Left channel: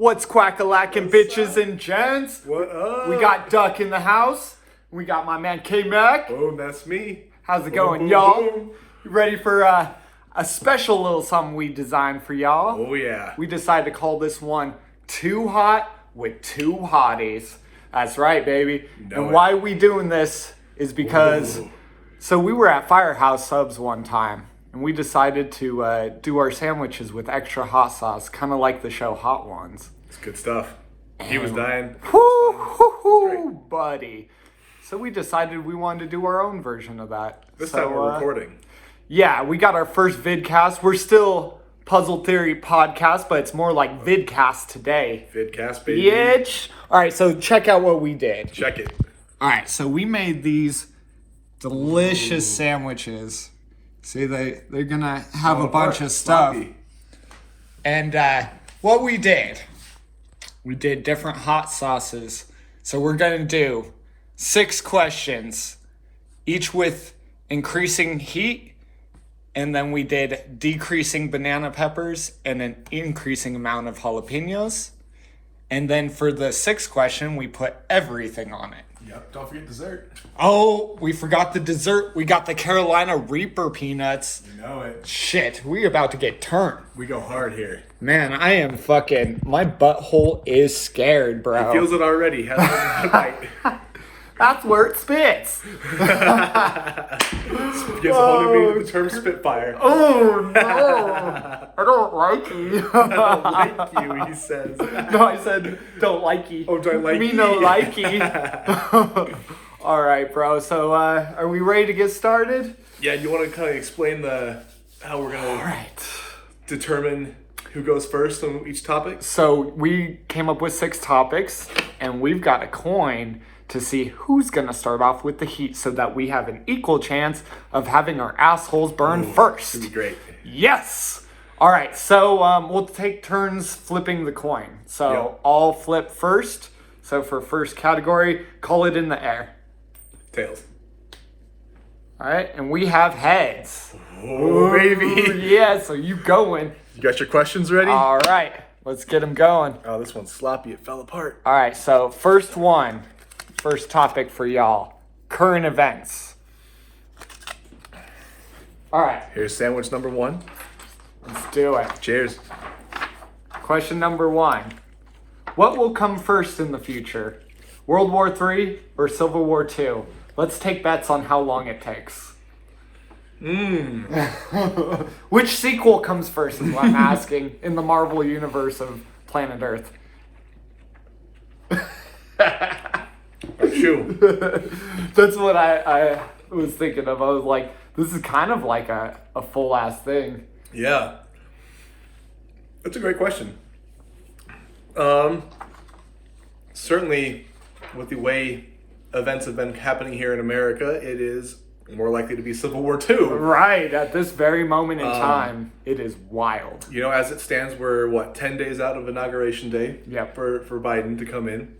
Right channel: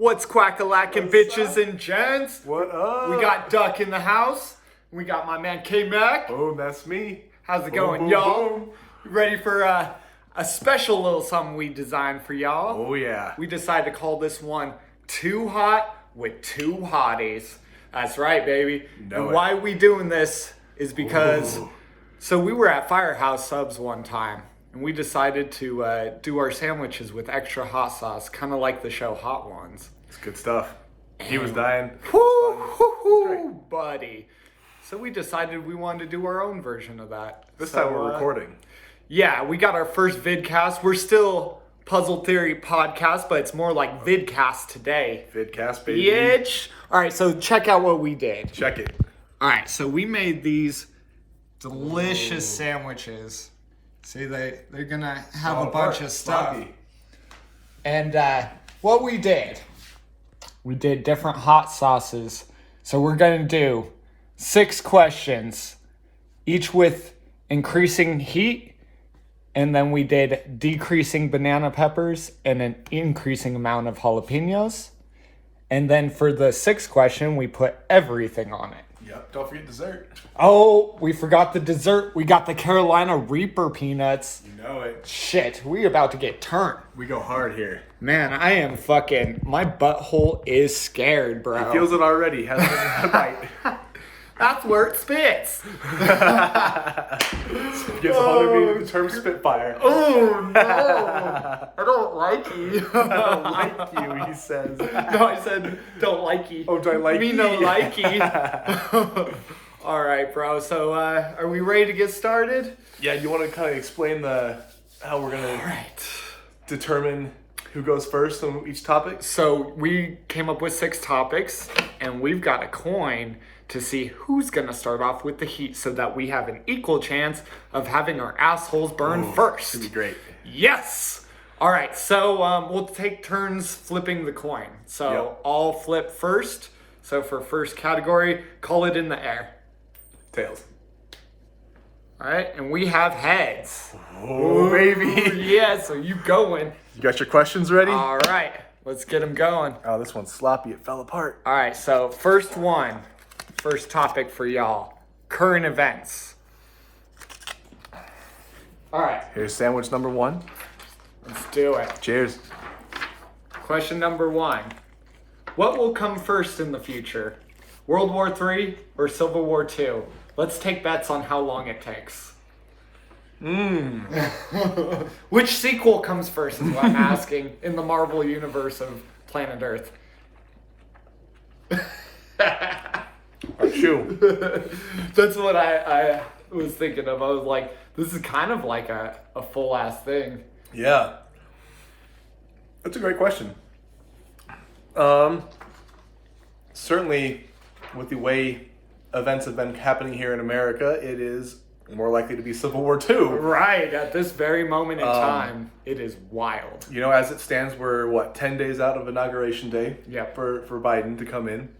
What's quack-a-lackin' bitches and gents? What up? We got Duck in the house. We got my man K-Mac. Boom, that's me. How's it Boom, going, boom, y'all? boom. You ready for a special little something we designed for y'all? Oh, yeah. We decided to call this one Too Hot with Two Hotties. That's right, baby. And why we doing this is because, so we were at Firehouse Subs one time, and we decided to do our sandwiches with extra hot sauce, kind of like the show Hot Ones. It's good stuff. He was dying. Woo, buddy. So we decided we wanted to do our own version of that. This time we're recording. Yeah, we got our first vidcast. We're still Puzzle Theory Podcast, but it's more like vidcast today. Vidcast, baby. Bitch. All right, so check out what we did. Check it. All right, so we made these delicious sandwiches. See, they're going to have a bunch of stuff. Sloppy. And what we did different hot sauces. So we're going to do 6 questions, each with increasing heat. And then we did decreasing banana peppers and an increasing amount of jalapenos. And then for the 6th question, we put everything on it. Yep, don't forget dessert. Oh, we forgot the dessert. We got the Carolina Reaper peanuts. You know it. Shit, we about to get turned. We go hard here. Man, I am fucking, my butthole is scared, bro. He feels it already. Has a bite. That's where it spits. Gives a whole new meaning to the term Spitfire. Oh, no. I don't like you. I don't like you, he says. No, I said don't like you. Oh, do I like me you? no likey. All right, bro. So are we ready to get started? Yeah, you want to kind of explain how we're going to determine who goes first on each topic? So we came up with 6 topics, and we've got a coin to see who's going to start off with the heat so that we have an equal chance of having our assholes burn first. That'd be great. Yes. All right. So we'll take turns flipping the coin. So Yep. I'll flip first. So for first category, call it in the air. Tails. All right. And we have heads. Oh, baby. Yeah. So you going. You got your questions ready? All right. Let's get them going. Oh, this one's sloppy. It fell apart. All right. So first topic for y'all. Current events. All right. Here's sandwich number 1. Let's do it. Cheers. Question number 1. What will come first in the future? World War III or Civil War II? Let's take bets on how long it takes. Which sequel comes first is what I'm asking in the Marvel universe of Planet Earth. Shoot. That's what I was thinking of. I was like, this is kind of like a full ass thing. Yeah. That's a great question. Certainly, with the way events have been happening here in America, it is more likely to be Civil War II. Right, at this very moment in time, it is wild. You know, as it stands, we're, 10 days out of Inauguration Day Yep. for Biden to come in.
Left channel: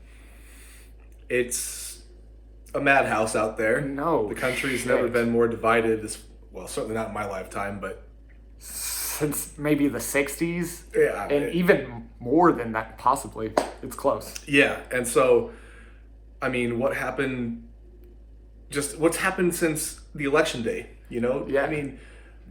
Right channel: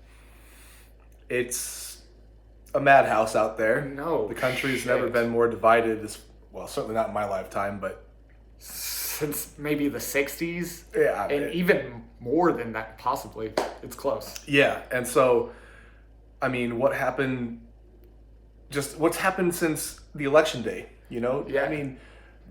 It's a madhouse out there. No The country's shit. never been more divided, certainly not in my lifetime, but... Since maybe the 60s, Yeah, and even more than that, possibly. It's close. Yeah, and so, I mean, what's happened since the election day, you know? Yeah. I mean,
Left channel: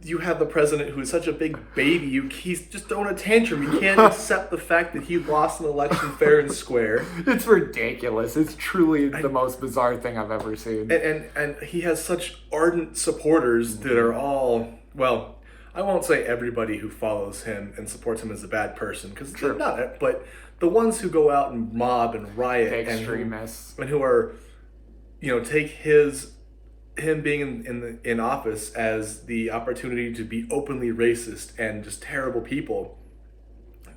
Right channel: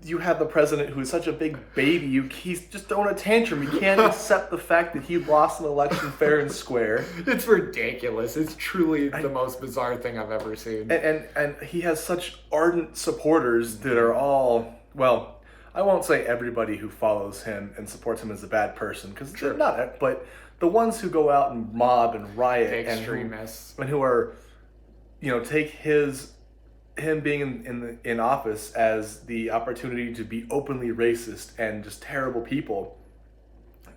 you have the president who's such a big baby, he's just throwing a tantrum. You can't accept the fact that he lost an election fair and square. It's ridiculous. It's truly the most bizarre thing I've ever seen. And he has such ardent supporters that are all, well, I won't say everybody who follows him and supports him is a bad person, because they're not, but the ones who go out and mob and riot The extremists. and who are, take him being in office as the opportunity to be openly racist and just terrible people.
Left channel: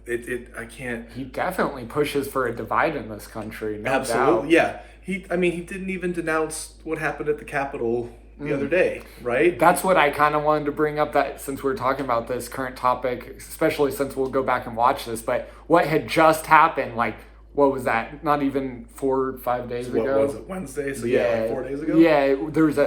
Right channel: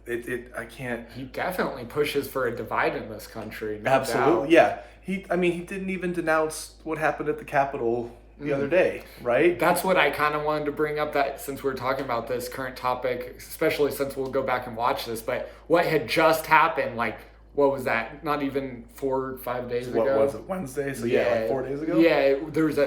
I can't. He definitely pushes for a divide in this country. No Absolutely, doubt. yeah. He didn't even denounce what happened at the Capitol the other day, right? That's what I kind of wanted to bring up, that since we're talking about this current topic, especially since we'll go back and watch this, but what had just happened, like, what was that? Not even 4 or 5 days ago. What was it, Wednesday? So like 4 days ago? Yeah, there was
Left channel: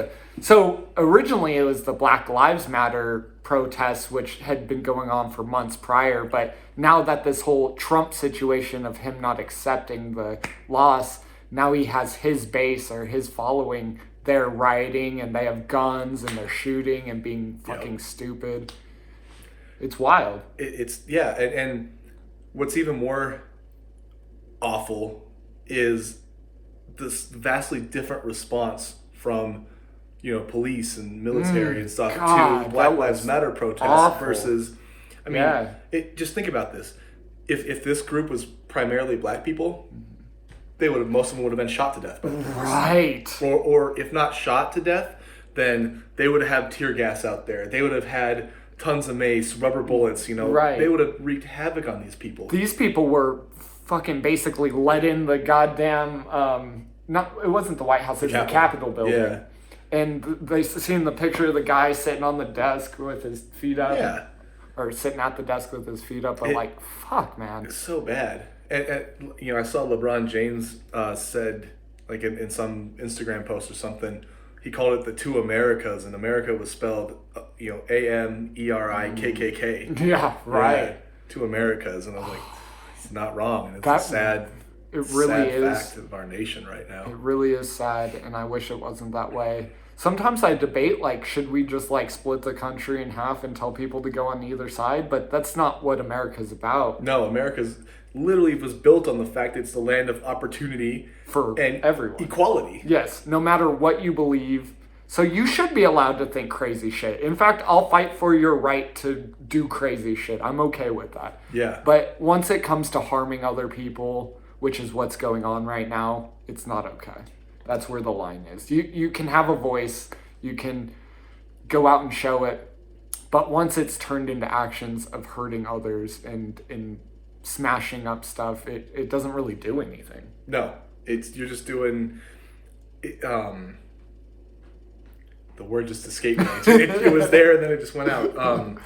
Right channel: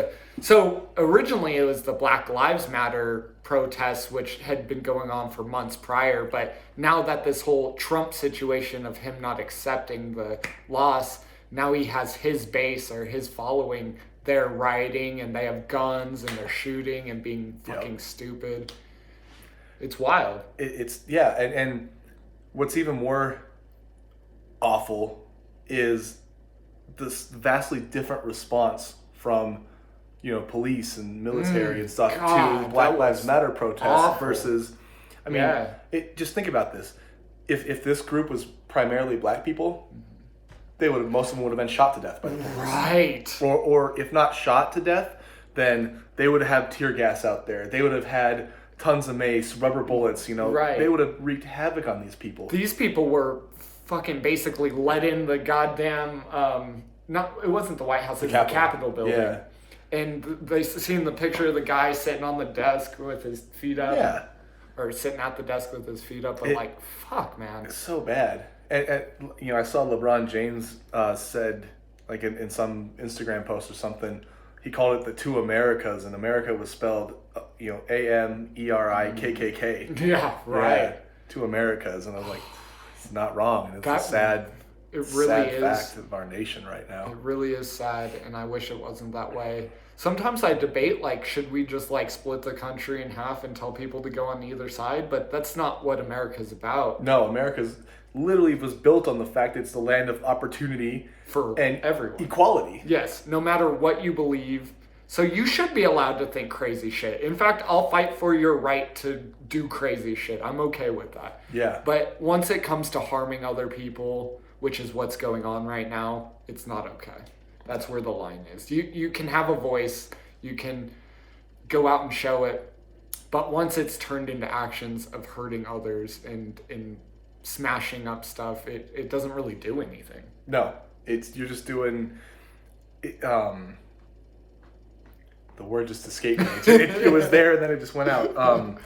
so originally it was the Black Lives Matter protests, which had been going on for months prior, but now that this whole Trump situation of him not accepting the loss, now he has his base or his following, they're rioting and they have guns and they're shooting and being fucking stupid. It's wild. And what's even more awful is this vastly different response from police and military and stuff to Black Lives Matter protests versus, I mean, just think about this. If this group was primarily black people, most of them would have been shot to death by the police. Right. Or if not shot to death, then they would have tear gas out there. They would have had tons of mace, rubber bullets, Right. They would have wreaked havoc on these people. These people were fucking basically let in the goddamn, it wasn't the White House, it was the Capitol building. Yeah. And they seen the picture of the guy sitting on the desk with his feet up. Yeah. Or sitting at the desk with his feet up. But fuck, man. It's so bad. And I saw LeBron James said, like in some Instagram post or something, he called it the two Americas, and America was spelled, AMERIKKK. Yeah, right. Yeah, two Americas. And I was like, it's not wrong. It's a sad... It really is fact of our nation right now. It really is sad, and I wish it wasn't that way. Sometimes I debate, should we just, split the country in half and tell people to go on either side? But that's not what America's about. No, America's literally was built on the fact that it's the land of opportunity for everyone. Equality. Yes, no matter what you believe. So you should be allowed to think crazy shit. In fact, I'll fight for your right to do crazy shit. I'm okay with that. Yeah. But once it comes to harming other people, which is what's going on right now, it's not okay. That's where the line is. You can have a voice, you can go out and show it, but once it's turned into actions of hurting others and smashing up stuff, it doesn't really do anything. No, you're just doing... the word just escaped me. It was there and then it just went out.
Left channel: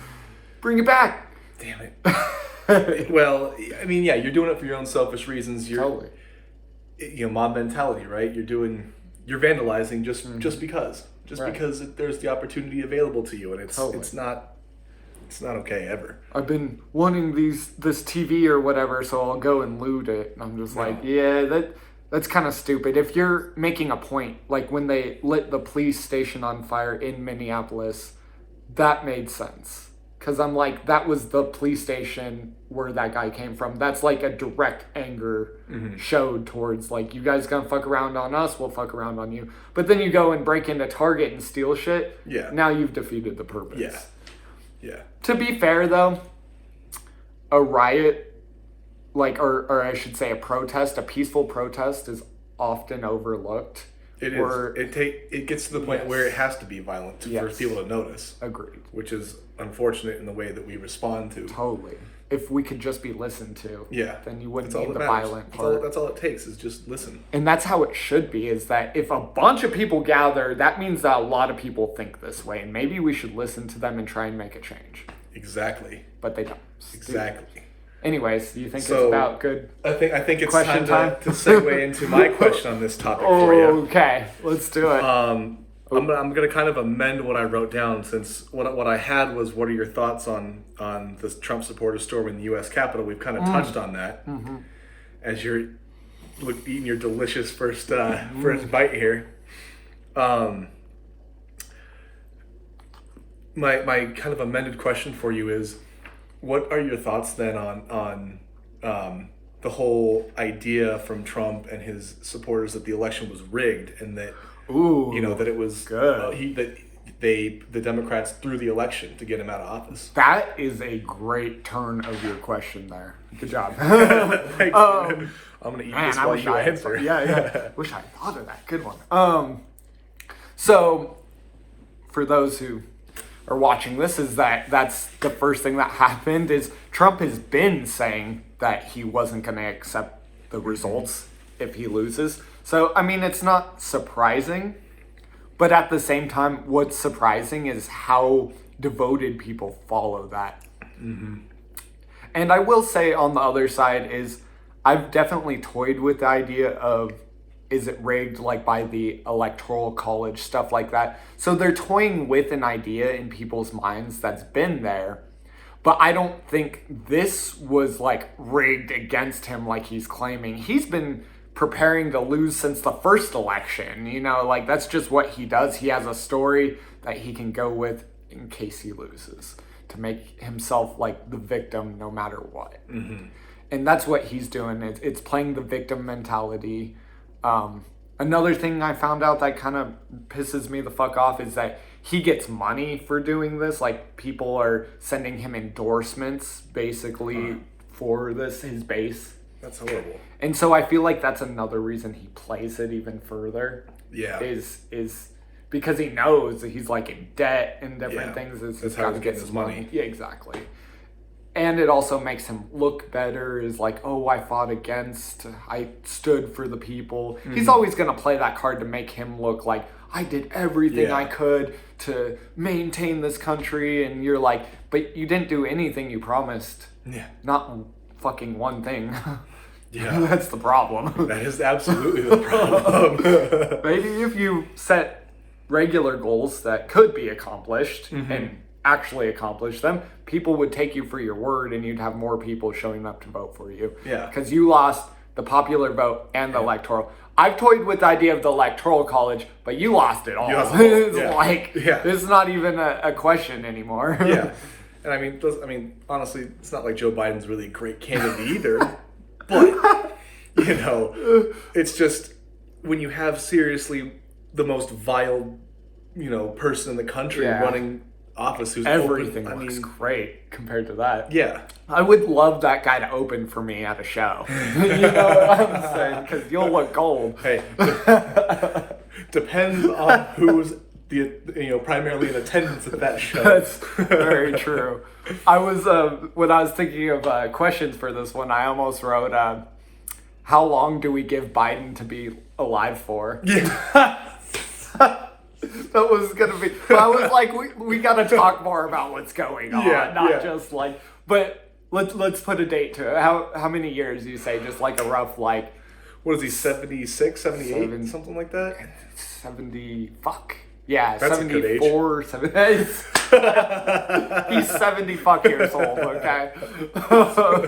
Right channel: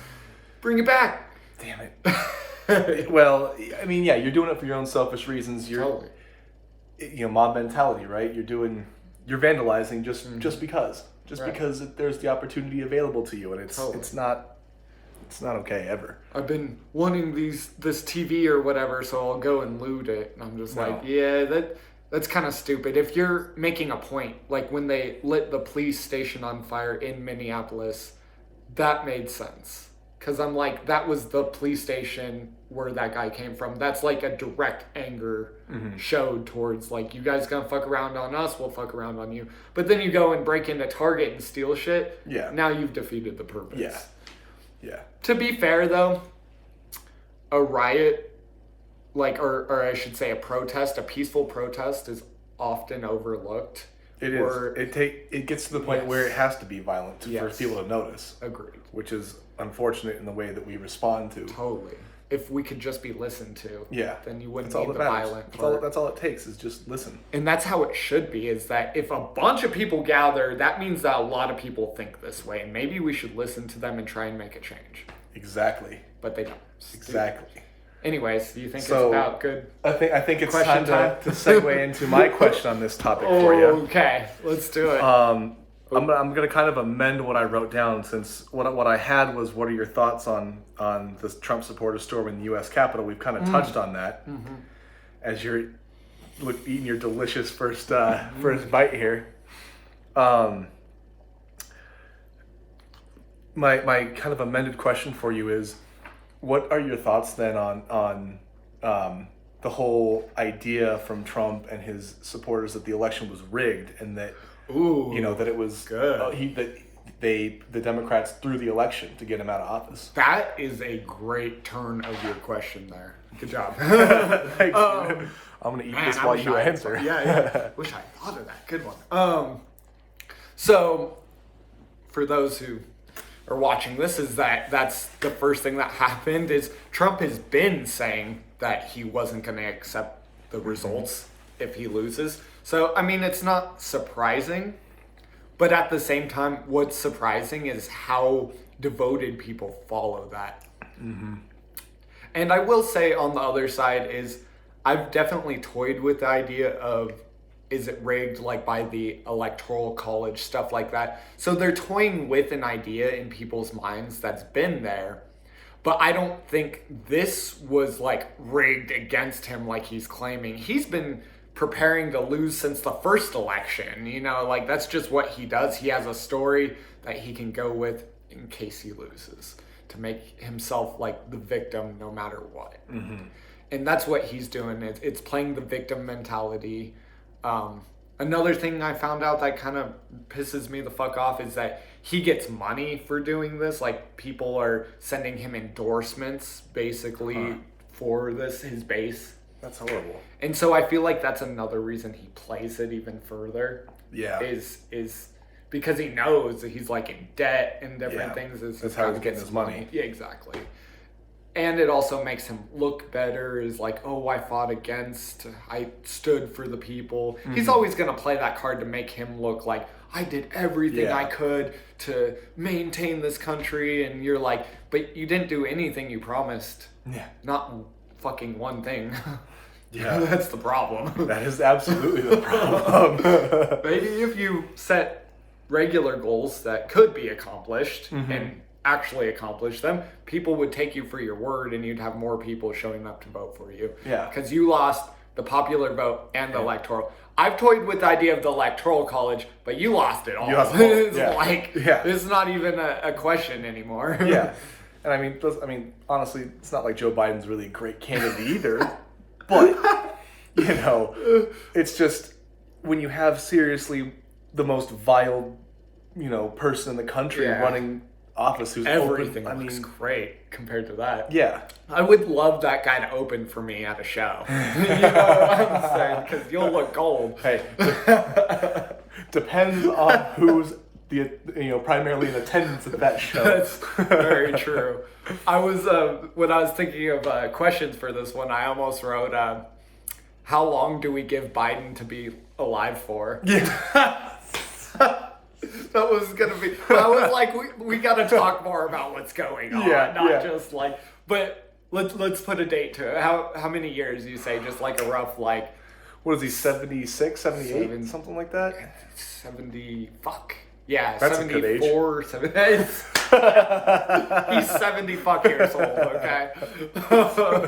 Bring it back! Damn it. Well, I mean, you're doing it for your own selfish reasons. Totally. Mob mentality, right? You're vandalizing just because, because there's the opportunity available to you, and it's not okay ever. I've been wanting this TV or whatever, so I'll go and loot it. And I'm just that's kind of stupid. If you're making a point, like when they lit the police station on fire in Minneapolis, that made sense. Because I'm like, that was the police station where that guy came from. That's a direct anger showed towards, you guys gonna fuck around on us, we'll fuck around on you. But then you go and break into Target and steal shit. Yeah. Now you've defeated the purpose. Yeah. Yeah. To be fair, though, a riot, or I should say a protest, a peaceful protest is often overlooked. It is. It gets to the point where it has to be violent for people to notice. Agreed. Which is unfortunate in the way that we respond to. Totally. If we could just be listened to, then you wouldn't need the violent part. That's all it takes is just listen. And that's how it should be, is that if a bunch of people gather, that means that a lot of people think this way. And maybe we should listen to them and try and make a change. Exactly. But they don't. Exactly. Anyways, do you think it's about good? I think it's question time to segue into my question on this topic for you. Okay, let's do it. I'm gonna kind of amend what I wrote down, since what I had was, what are your thoughts on the Trump supporters storming the U.S. Capitol? We've kind of touched on that as you're eating your delicious first bite here. My kind of amended question for you is, what are your thoughts then on the whole idea from Trump and his supporters that the election was rigged, and that that it was good. The Democrats threw the election to get him out of office? That is a great turn of your question there. Good job. I'm gonna eat this while you answer. Yeah. Wish I thought of that. Good one. So for those who are watching this, that's the first thing that happened. Is Trump has been saying that he wasn't going to accept the results if he loses. So I mean, it's not surprising, but at the same time, what's surprising is how devoted people follow that. And I will say, on the other side, is I've definitely toyed with the idea of, is it rigged, like by the electoral college, stuff like that. So they're toying with an idea in people's minds that's been there. But I don't think this was like rigged against him like he's claiming. He's been preparing to lose since the first election. You know, like that's just what he does. He has a story that he can go with in case he loses to make himself like the victim no matter what. Mm-hmm. And that's what he's doing. It's playing the victim mentality. Another thing I found out that kind of pisses me the fuck off is that he gets money for doing this. Like, people are sending him endorsements, basically, for his base. That's horrible. And so I feel like that's another reason he plays it even further. Yeah. Is because he knows that he's, like, in debt and different things. That's how he's getting his money. Yeah, exactly. And it also makes him look better, is like, oh, I stood for the people. Mm-hmm. He's always going to play that card to make him look like, I did everything I could to maintain this country. And you're like, but you didn't do anything you promised. Yeah. Not fucking one thing. Yeah. That's the problem. That is absolutely the problem. Maybe if you set regular goals that could be accomplished and actually accomplish them, people would take you for your word and you'd have more people showing up to vote for you. Yeah. Because you lost the popular vote and the electoral. I've toyed with the idea of the electoral college, but you lost it all. It's like, this is not even a question anymore. Yeah. And I mean, honestly, it's not like Joe Biden's really a great candidate either. But, you know, it's just when you have seriously the most vile, you know, person in the country running office who's everything looks great compared to that. Yeah. I would love that guy to open for me at a show. You know what I'm saying? Because you'll look gold. Hey, depends on who's primarily in attendance at that show. That's very true. I was when I was thinking of questions for this one, I almost wrote, how long do we give Biden to be alive for? Yeah. That was gonna be. But I was like, we gotta talk more about what's going on, not just like. But let's put a date to it. How many years do you say? Just like a rough like. What is he? 76, 78, something like that. 70. Fuck. Yeah, that's 74, 70. He's 70 fuck years old. Okay. I hope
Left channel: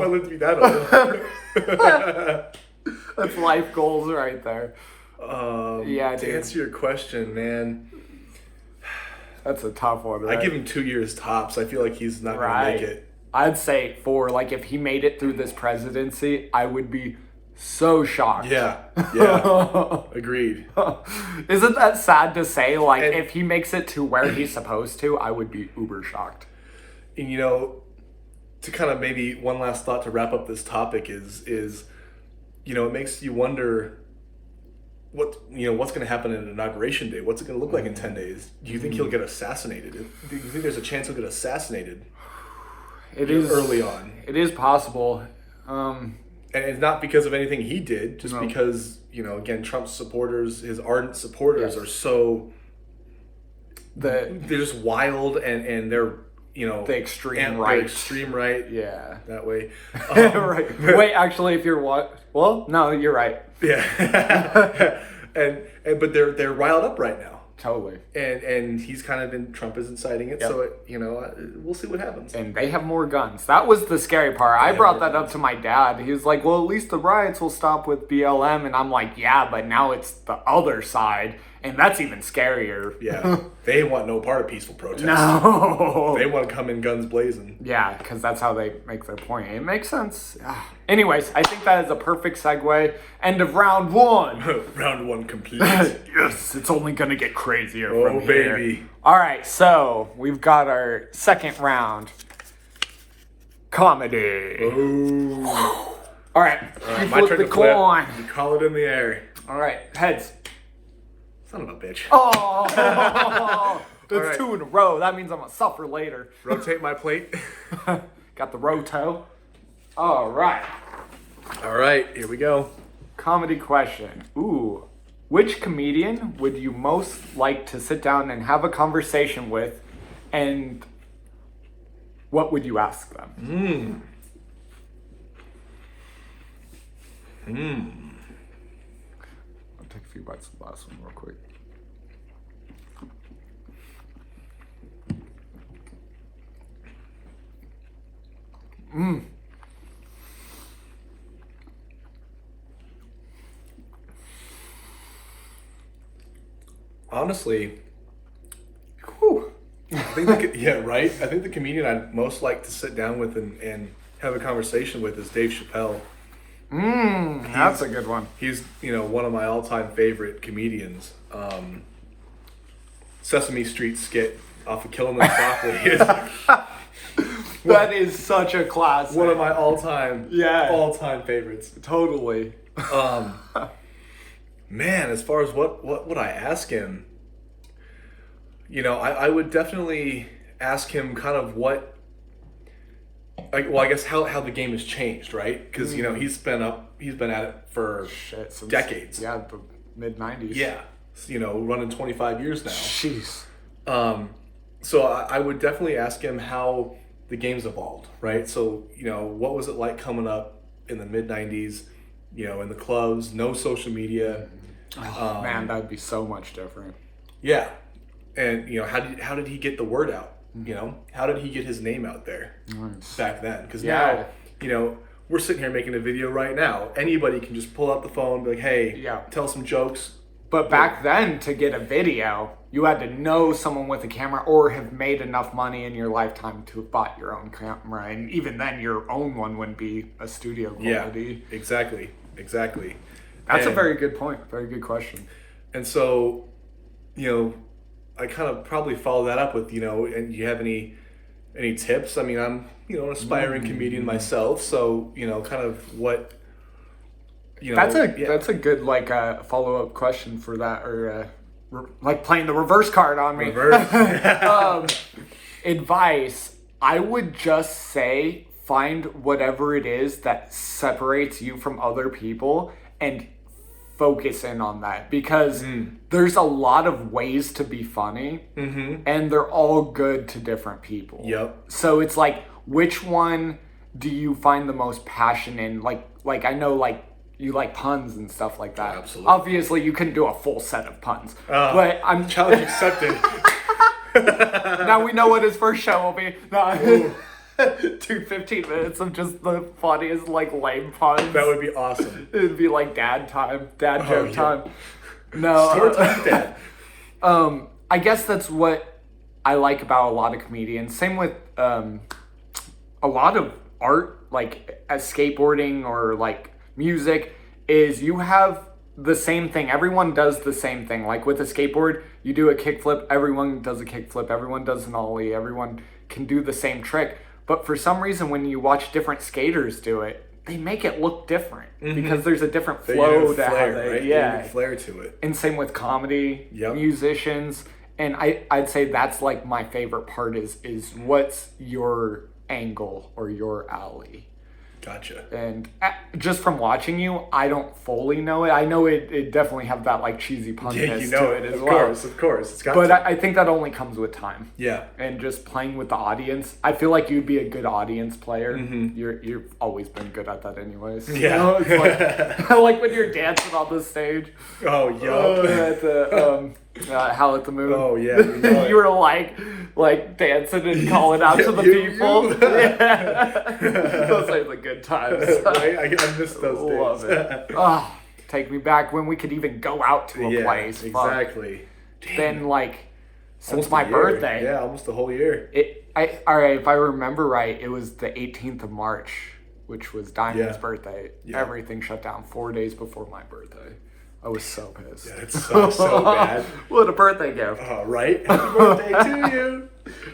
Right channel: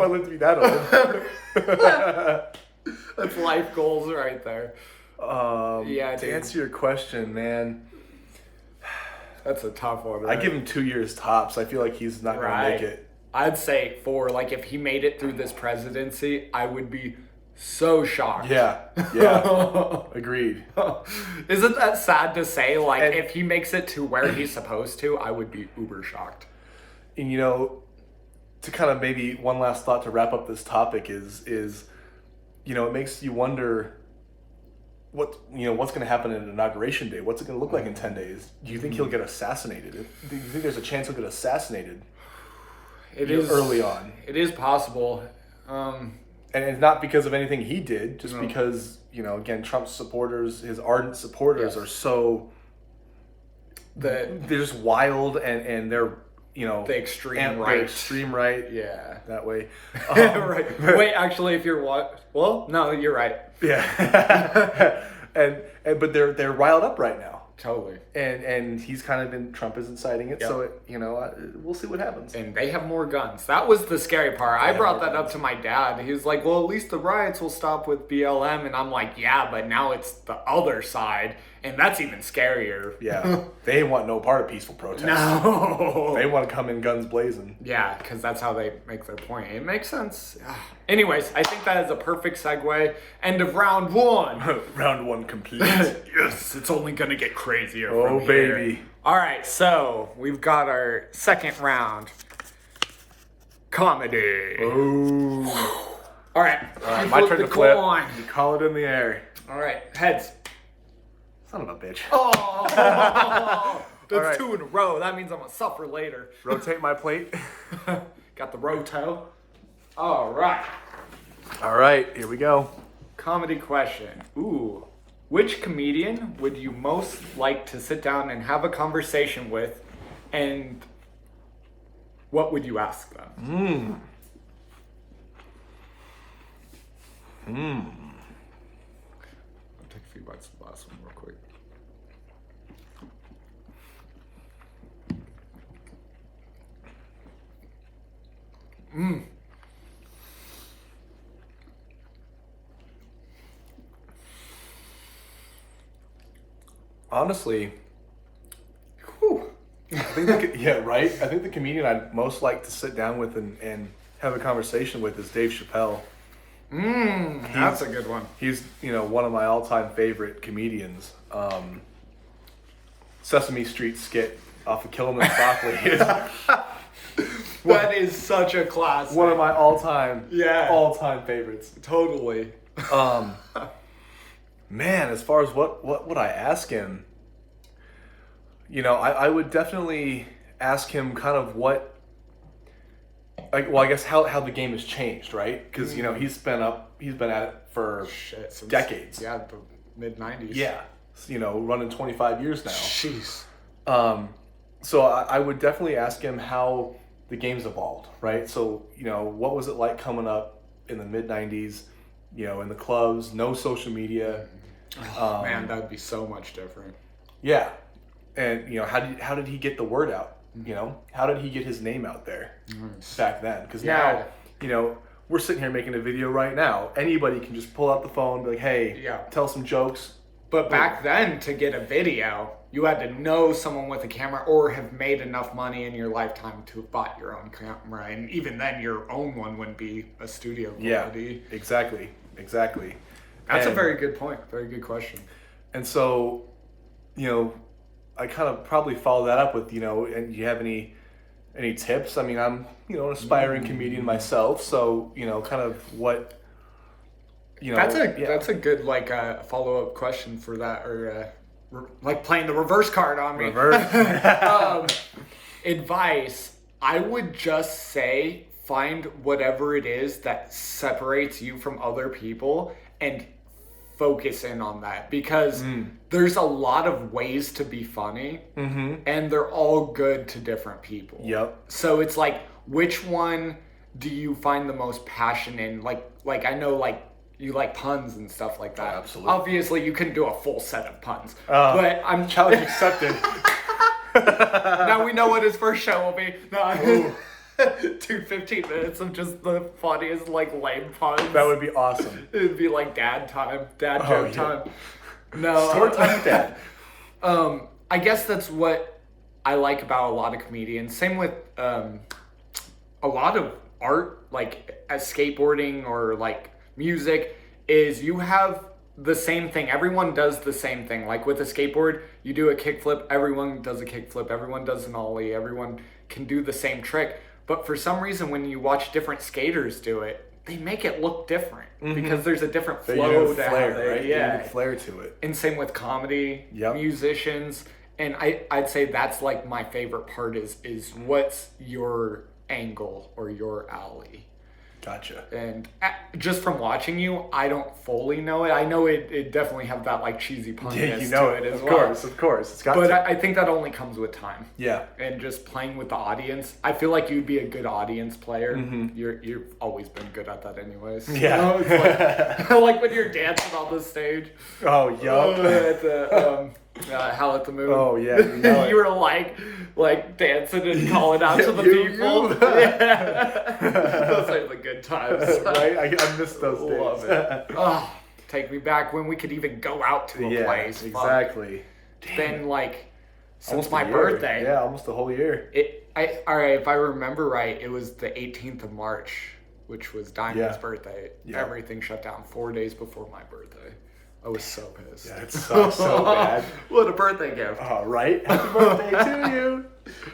I live to be that old. That's life goals right there. To answer your question, man, that's a tough one. Right? I give him 2 years tops. I feel like he's not going to make it. I'd say 4. Like, if he made it through this presidency, I would be so shocked. Yeah. Agreed. Isn't that sad to say? Like, if he makes it to where he's supposed to, I would be uber shocked. And, you know, to kind of maybe one last thought to wrap up this topic is you know, it makes you wonder what's going to happen in Inauguration Day. What's it going to look like in 10 days? Do you think he'll get assassinated? Do you think there's a chance he'll get assassinated? It is early on. It is possible. And it's not because of anything he did, just because, you know, again, Trump's supporters, his ardent supporters are so... They're just wild and they're... You know, the extreme right. Extreme right. Yeah. That way. Right. Wait, actually, if you're what? Well, no, you're right. Yeah. But they're riled up right now. Totally. And he's kind of been, Trump is inciting it. Yep. So, we'll see what happens. And they have more guns. That was the scary part. I brought that up to my dad. He was like, well, at least the riots will stop with BLM. And I'm like, yeah, but now it's the other side. And that's even scarier. Yeah. They want no part of peaceful protest. No. They want to come in guns blazing. Yeah, because that's how they make their point. It makes sense. Anyways, I think that is a perfect segue. End of round 1. Round 1 complete. Yes, it's only going to get crazier from here. Oh, baby. All right, so we've got our second round. Comedy. Ooh. All right. My turn to flip. You call it in the air. All right, heads. Son of a bitch. Oh! That's 2 in a row. That means I'm going to suffer later. Rotate my plate. Got the roto. All right. All right, here we go. Comedy question. Ooh. Which comedian would you most like to sit down and have a conversation with and what would you ask them? I'll take a few bites of the last one real quick. Honestly, Whew. I think yeah, right. I think the comedian I'd most like to sit down with and have a conversation with is Dave Chappelle. That's a good one. He's one of my all-time favorite comedians. Sesame Street skit off of Killing Them Softly is That is such a classic. one of my all-time favorites. Totally. Man, as far as what would I ask him? I would definitely ask him kind of I guess how the game has changed, right? Because he's been at it for Since, decades. Yeah, the mid-90s. Yeah, running 25 years now. Jeez. So I would definitely ask him how the game's evolved, right? So what was it like coming up in the mid-90s? In the clubs, no social media. Oh, man, that'd be so much different. Yeah, and how did he get the word out? How did he get his name out there back then? Because now, we're sitting here making a video right now. Anybody can just pull out the phone, be like, "Hey, tell some jokes." But back then, to get a video, you had to know someone with a camera or have made enough money in your lifetime to have bought your own camera. And even then, your own one wouldn't be a studio quality. Yeah, exactly. That's a very good point. Very good question. And so, I kind of probably follow that up with, and you have any tips? I mean, I'm, an aspiring comedian myself. So, kind of what, That's a good, follow-up question for that, or like playing the reverse card on me. Advice, I would just say find whatever it is that separates you from other people and focus in on that, because there's a lot of ways to be funny, and they're all good to different people. Yep. So it's like, which one do you find the most passion in? Like I know, you like puns and stuff like that. Absolutely. Obviously, you couldn't do a full set of puns, but I'm challenge accepted. Now we know what his first show will be. No. 15 minutes of just the funniest lame puns. That would be awesome. It'd be like dad joke time. No, story time, Dad. I guess that's what I like about a lot of comedians. Same with a lot of art, as skateboarding or music, is you have the same thing. Everyone does the same thing. Like with a skateboard, you do a kickflip, everyone does a kickflip, everyone does an ollie, everyone can do the same trick. But for some reason, when you watch different skaters do it, they make it look different because there's a different flow to how they, right? yeah, flair to it. And same with comedy, musicians, and I'd say that's my favorite part is what's your angle or your alley. Gotcha. And just from watching you, I don't fully know it. I know it definitely have that cheesy punness to it as well. Of course. It's got but to. I think that only comes with time. Yeah. And just playing with the audience. I feel like you'd be a good audience player. You've always been good at that anyways. Yeah. It's like when you're dancing on the stage. Oh, yeah. At the Howl at the Moon. Oh, yeah. You were dancing and calling out to the people. Yeah. Those are the good times. Right? I miss those days. Love it. Oh, take me back when we could even go out to a place. Exactly. Then since Almost my a year. birthday. Yeah, almost a whole year. All right, if I remember right, it was the 18th of March, which was Diamond's birthday. Yeah. Everything shut down 4 days before my birthday. I was so pissed. Yeah, it's so bad. What a birthday gift. Oh, right? Happy birthday to you.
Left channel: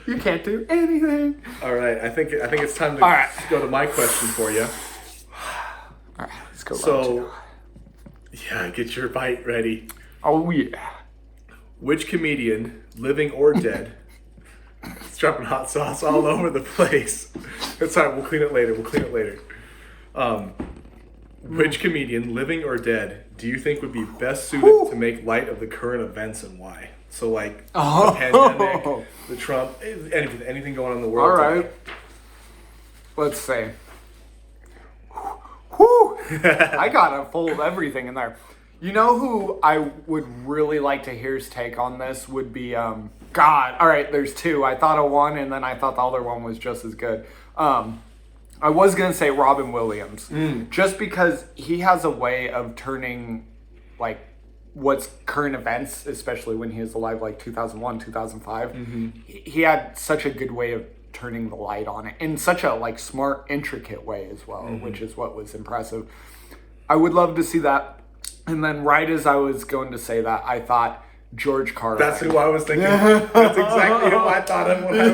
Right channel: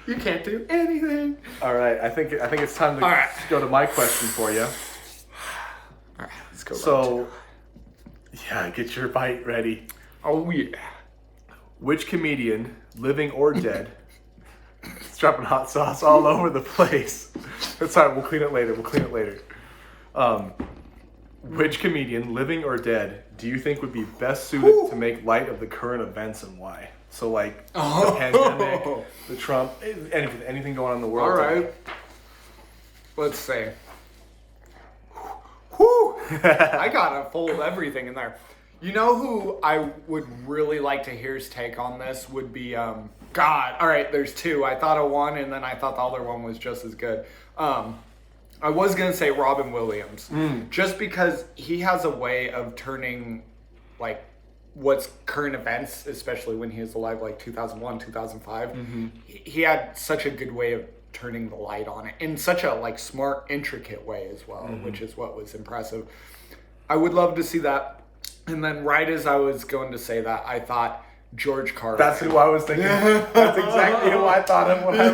You can't do anything. All right, I think it's time to go to my question for you. All right, let's go. So, get your bite ready. Oh, yeah. Which comedian, living or dead, it's dropping hot sauce all over the place. That's fine, we'll clean it later. Which comedian, living or dead, do you think would be best suited to make light of the current events and why? So the pandemic, the Trump, anything going on in the world. All right. let's see. Whew. I gotta fold everything in there. You know who I would really like to hear his take on this would be, God. All right, there's two. I thought of one, and then I thought the other one was just as good. I was going to say Robin Williams. Just because he has a way of turning, like, what's current events, especially when he was alive, like 2001, 2005. He had such a good way of turning the light on it in such a, like, smart, intricate way as well, which is what was impressive. I would love to see that. And then right as I was going to say that, I thought George Carlin. That's who I was thinking. That's exactly who I thought of when I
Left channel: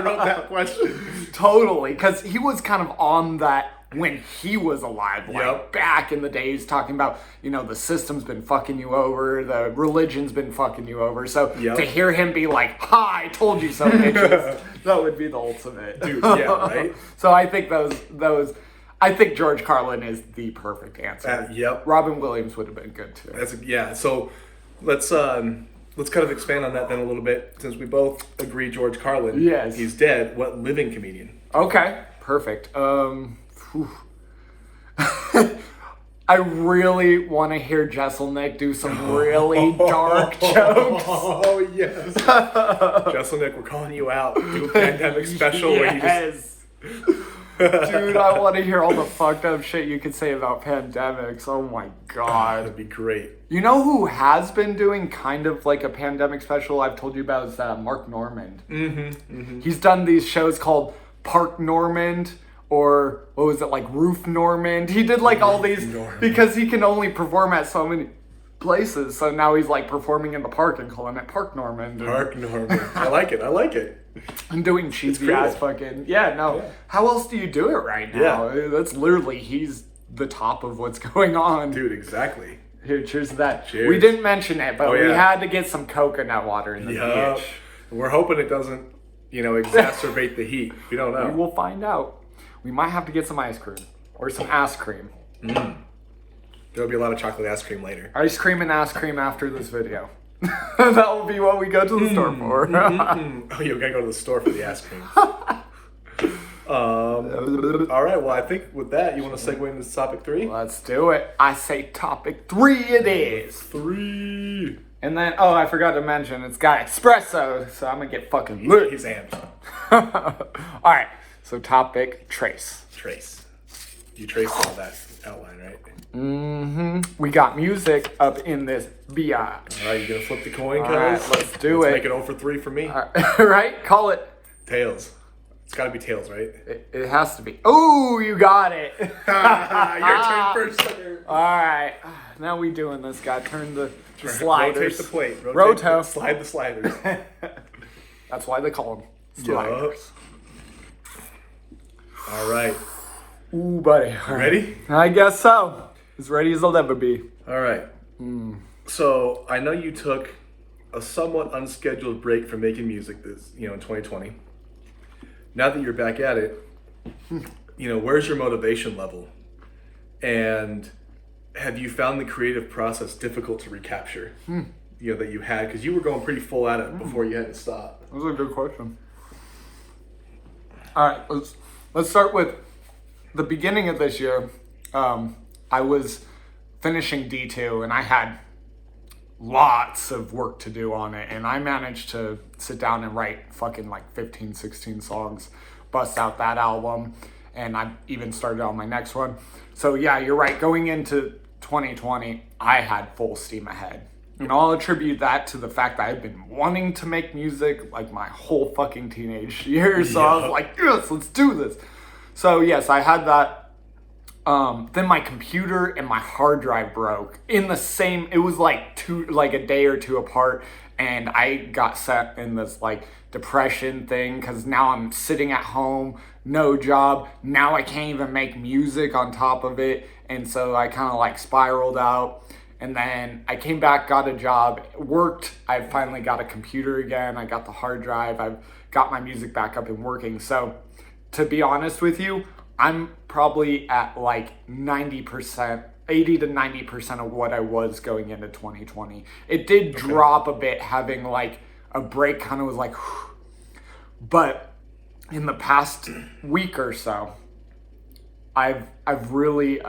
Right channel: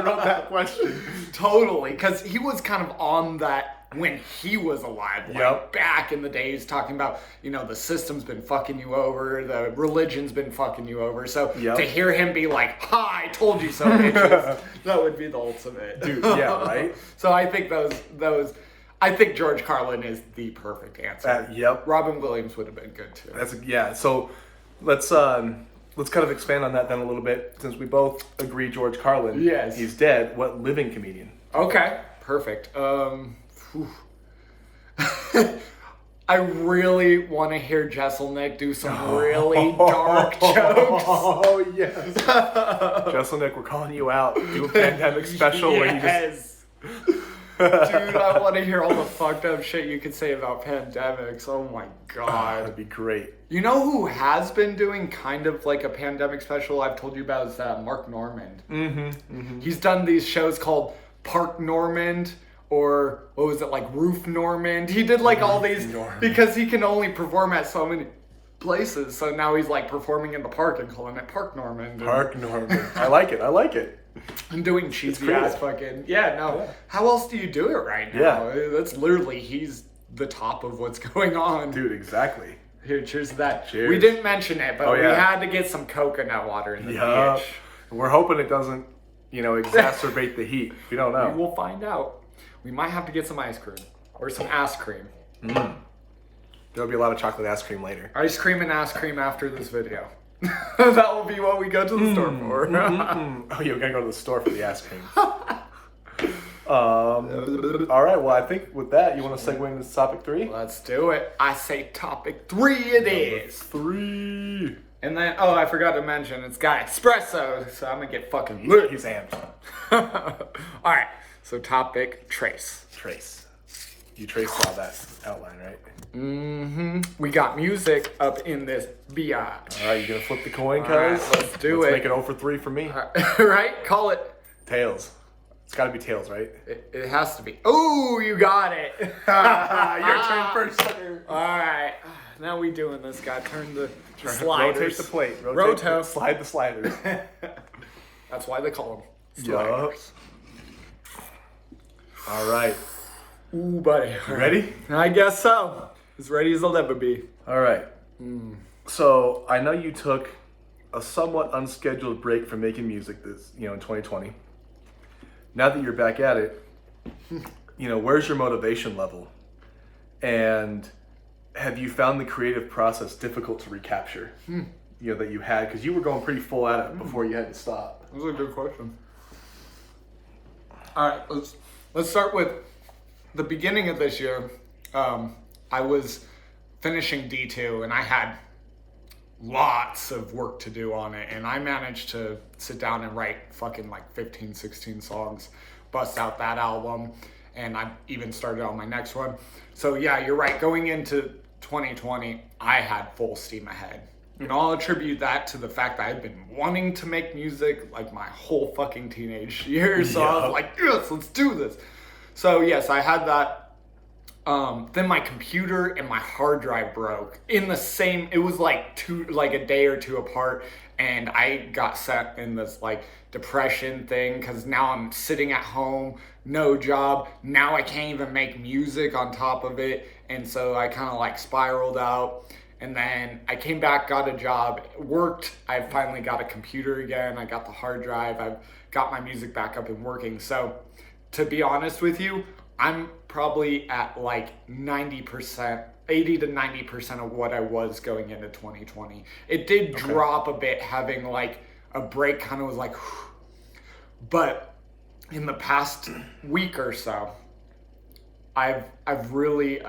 wrote that question. Totally, because he was kind of on that when he was alive, like back in the days, talking about, you know, the system's been fucking you over, the religion's been fucking you over. So to hear him be like, "Ha, I told you so, bitches," that would be the ultimate. Dude, yeah, right? So I think I think George Carlin is the perfect answer. Robin Williams would have been good too. So let's kind of expand on that then a little bit, since we both agree George Carlin. Yes. He's dead. What living comedian? Okay, perfect. I really want to hear Jesselnick do some really dark jokes. Oh, yes. Jesselnick, we're calling you out. Do a pandemic special where you just... Dude, I want to hear all the fucked up shit you could say about pandemics. Oh my god. That'd be great. You know who has been doing kind of like a pandemic special I've told you about is Mark Normand. He's done these shows called Park Normand, or what was it, like Roof Normand. He did like all these because he can only perform at so many places. So now he's like performing in the park and calling it Park Normand. Park Normand. I like it. I'm doing cheesy ass fucking How else do you do it right now? That's literally, he's the top of what's going on. Dude, exactly. Here, cheers to that. Cheers. We didn't mention it, but we had to get some coconut water in the beach. We're hoping it doesn't, exacerbate the heat. We don't know. We will find out. We might have to get some ice cream or some ass cream. There'll be a lot of chocolate ice cream later. Ice cream and ass cream after this video. That will be what we go to the store for. Oh, you gotta go to the store for the ice cream. All right, well, I think with that, you want to segue into topic 3? Let's do it. I say topic 3 it is. 3. And then, I forgot to mention, it's got espresso, so I'm gonna get fucking lit. He's amped. All right, so topic trace. You traced all that outline, right? We got music up in this biatch. All right, you gonna flip the coin, All right, let's do it. Make it 0 for 3 for me. Right? Call it. Tails. It's gotta be tails, right? It has to be. Oh, you got it. Your turn first. All right. Now we doing this, guy. Turn the sliders. Rotate the plate. Roto. Slide the sliders. That's why they call them sliders. All right. Ooh, buddy. Ready? I guess so. As ready as I'll ever be. All right. So I know you took a somewhat unscheduled break from making music this, in 2020. Now that you're back at it, where's your motivation level? And have you found the creative process difficult to recapture? That you had, because you were going pretty full at it before you had to stop. That's a good question. All right, let's start with the beginning of this year. I was finishing D2 and I had lots of work to do on it, and I managed to sit down and write fucking like 15, 16 songs, bust out that album, and I even started on my next one. So yeah, you're right. Going into 2020, I had full steam ahead. And I'll attribute that to the fact that I've been wanting to make music like my whole fucking teenage years. So I was like, yes, let's do this. So yes, I had that. Then my computer and my hard drive broke in the same, it was like a day or two apart. And I got set in this like depression thing, because now I'm sitting at home, no job. Now I can't even make music on top of it. And so I kind of like spiraled out. And then I came back, got a job, worked. I finally got a computer again. I got the hard drive. I've got my music back up and working. So to be honest with you, I'm probably at like 90%, 80 to 90% of what I was going into 2020. It did drop a bit, having like a break kind of was like, but in the past week or so, I've really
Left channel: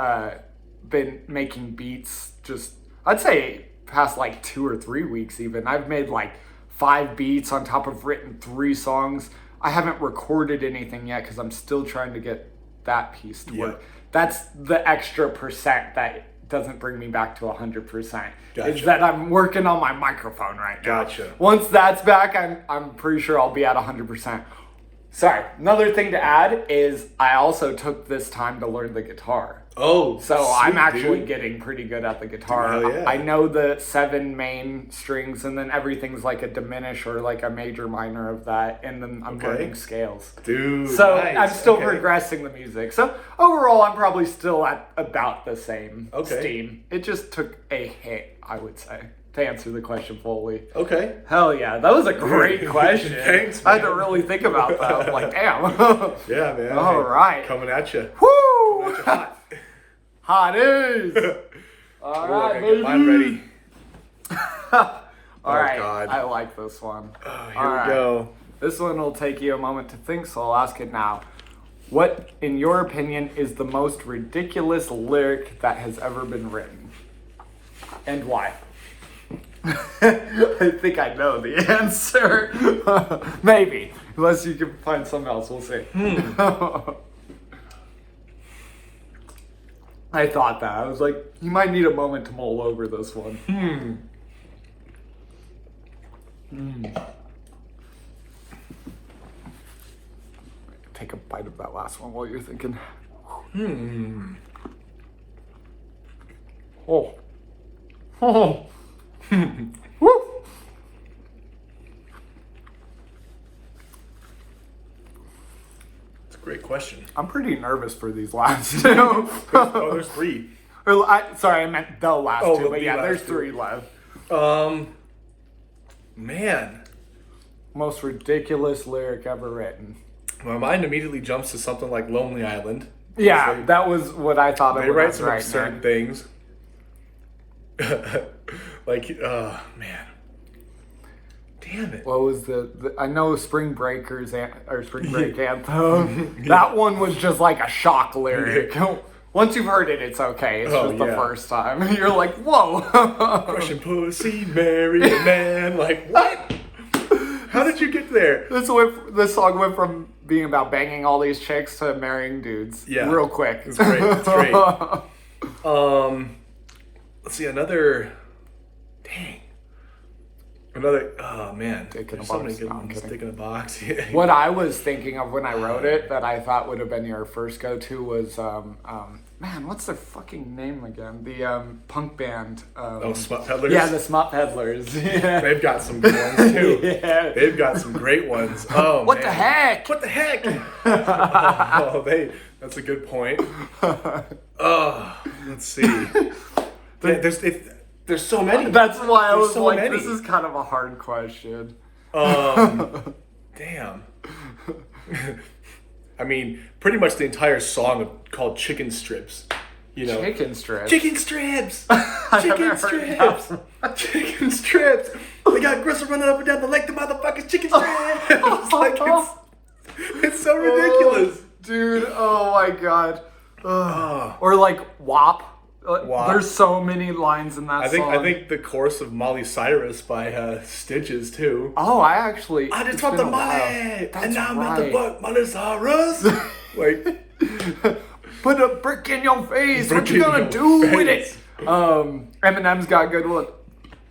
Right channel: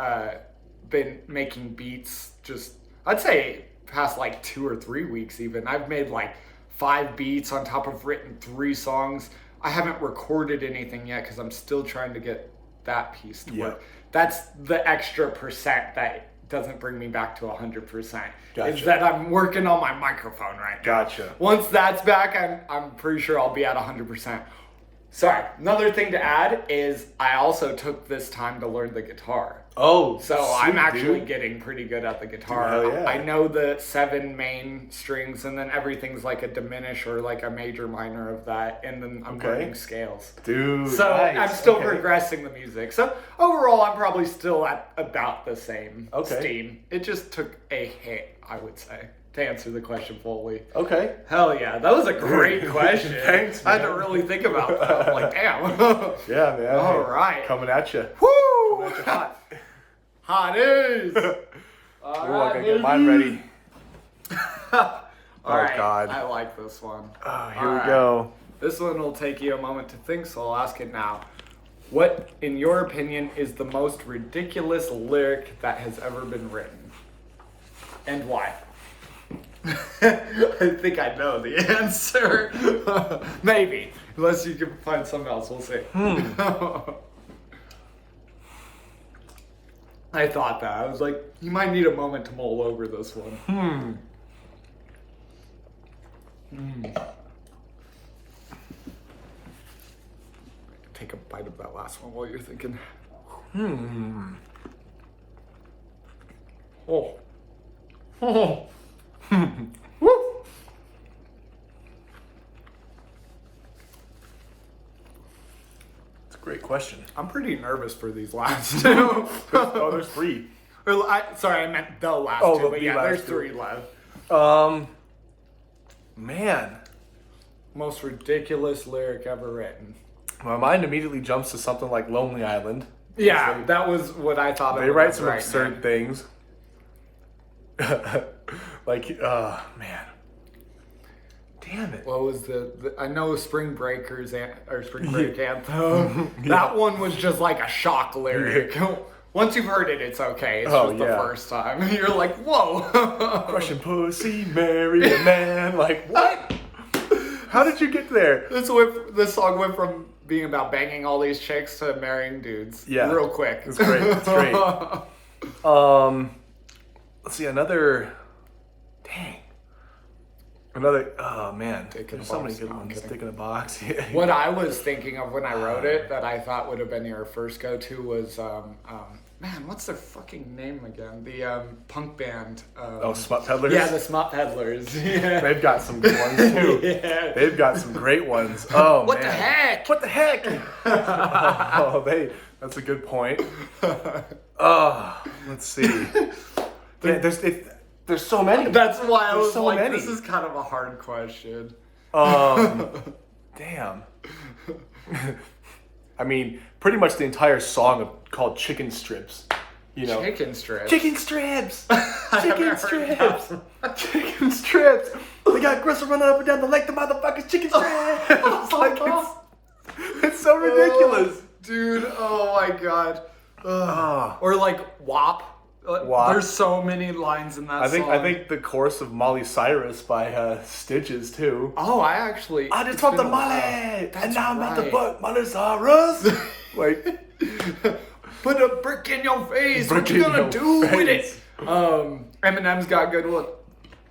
been making beats. Just I'd say past like 2 or 3 weeks even. I've made like 5 beats on top of written 3 songs. I haven't recorded anything yet because I'm still trying to get that piece to work. That's the extra percent that doesn't bring me back to 100%. Gotcha. Is that I'm working on my microphone right now. Gotcha. Once that's back, I'm pretty sure I'll be at 100%. Sorry, another thing to add is I also took this time to learn the guitar. Oh, So sweet, I'm actually dude. getting pretty good at the guitar. Hell yeah. I know the 7 main strings, and then everything's like a diminish or like a major minor of that, and then I'm learning scales. Dude, So nice. I'm still Okay. progressing the music. So overall, I'm probably still at about the same Okay. steam. It just took a hit, I would say, to answer the question fully. Okay. Hell yeah, that was a great question. Thanks, I had to man. really think about that. I'm like, damn. Yeah, man. All right. Coming at you. Woo! Coming at you hot. Hotties! All Ooh, I right, can baby. get mine ready. All right, God. I like this one. Oh, here All we right. go. This one will take you a moment to think, so I'll ask it now. What, in your opinion, is the most ridiculous lyric that has ever been written? And why? I think I know the answer. Maybe. Unless you can find something else, we'll see. I thought that. I was like, you might need a moment to mull over this one. Take a bite of that last one while you're thinking. Oh. Oh. Woo. It's a great question. I'm pretty nervous for these last two. Oh, there's 3. Sorry, I meant the last Oh, two, the but yeah, last there's 2. 3 left. Man. Most ridiculous lyric ever written. My mind immediately jumps to something like Lonely Island. Yeah, It's like, that was what I thought of. they when I write was some writing absurd it. things. Like, man. Damn it. What was the I know Spring Breakers or Spring Break Anthem. That one was just like a shock lyric. Once you've heard it, it's okay. It's just the first time. You're like, whoa. Crushing pussy, marry a man. Like, what? How did you get there? This song went from being about banging all these chicks to marrying dudes. Yeah. Real quick. It's great. It's great. Let's see, another. Dang. Another. Oh, man. Dick in a There's so many box. good No, I'm ones. kidding. Stick in a box. Yeah. What I was thinking of when I wrote it that I thought would have been your first go-to was, man, what's their fucking name again? The punk band. Oh, Smut Peddlers? Yeah, the Smut Peddlers. Yeah. They've got some good ones, too. Yeah. They've got some great ones. Oh, What man. the heck? What the heck? That's a good point. Oh, let's see. There's so many. That's why I There's was so like, many. this is kind of a hard question. Damn. I mean, pretty much the entire song called Chicken Strips. You know, Chicken strips. Chicken strips. I Chicken haven't heard that strips. Chicken strips. We got Gristle running up and down the lake. The motherfuckers chicken strips. It's like it's so ridiculous. Dude, oh my god. Oh. Or like WAP. WAP. There's so many lines in that song. I think the chorus of Molly Cyrus by Stitches too. Oh, I actually. I just it's want been the a while. money, That's and now I'm not the right. butt, Molly Cyrus. Like, Put a brick in your face. Brick What you in gonna your do with face. it? Eminem's got good one.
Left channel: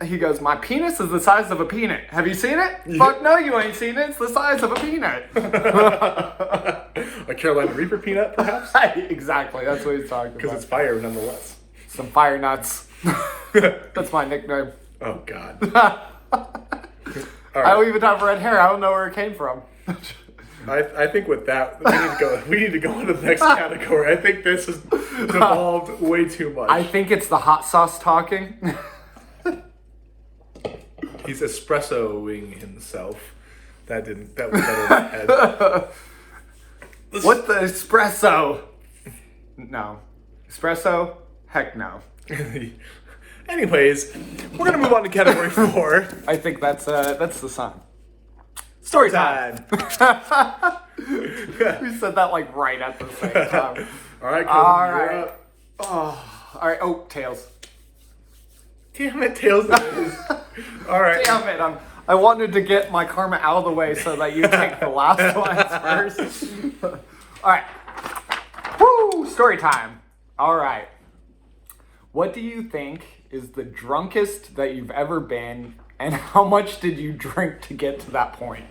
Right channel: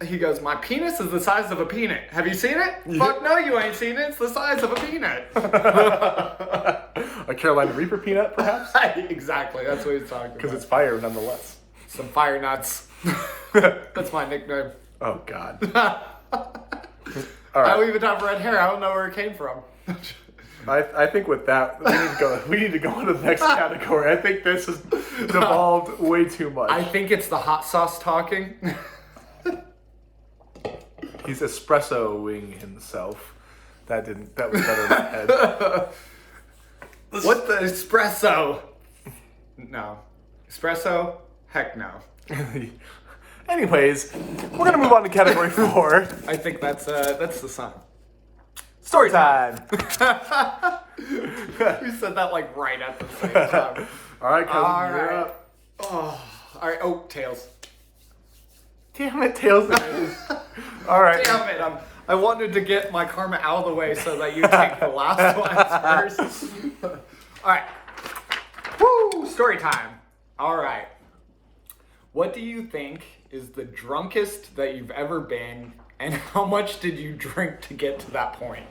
He goes, my penis is the size of a peanut. Have you seen it? Fuck no, you ain't seen it. It's the size of a peanut. a Carolina Reaper peanut, perhaps, Exactly. That's what he's talking because about. it's fire nonetheless. Some fire nuts. That's my nickname. Oh God. I don't even have red hair. I don't know where it came from. I think with that, we need to go to the next category. I think this has devolved way too much. I think it's the hot sauce talking. He's espressoing himself. That was better in my head. What the espresso? No. Espresso? Heck no. Anyways, we're gonna move on to category 4. I think that's the sign. Story time. We said that like right at the same time. All right, cousin, All you're right. up. Oh, all right. Oh, tails. Damn it, Tails. It is. All right. Damn it! I wanted to get my karma out of the way so that you take the last one first. All right. Woo! Story time. All right. What do you think is the drunkest that you've ever been, and how much did you drink to get to that point?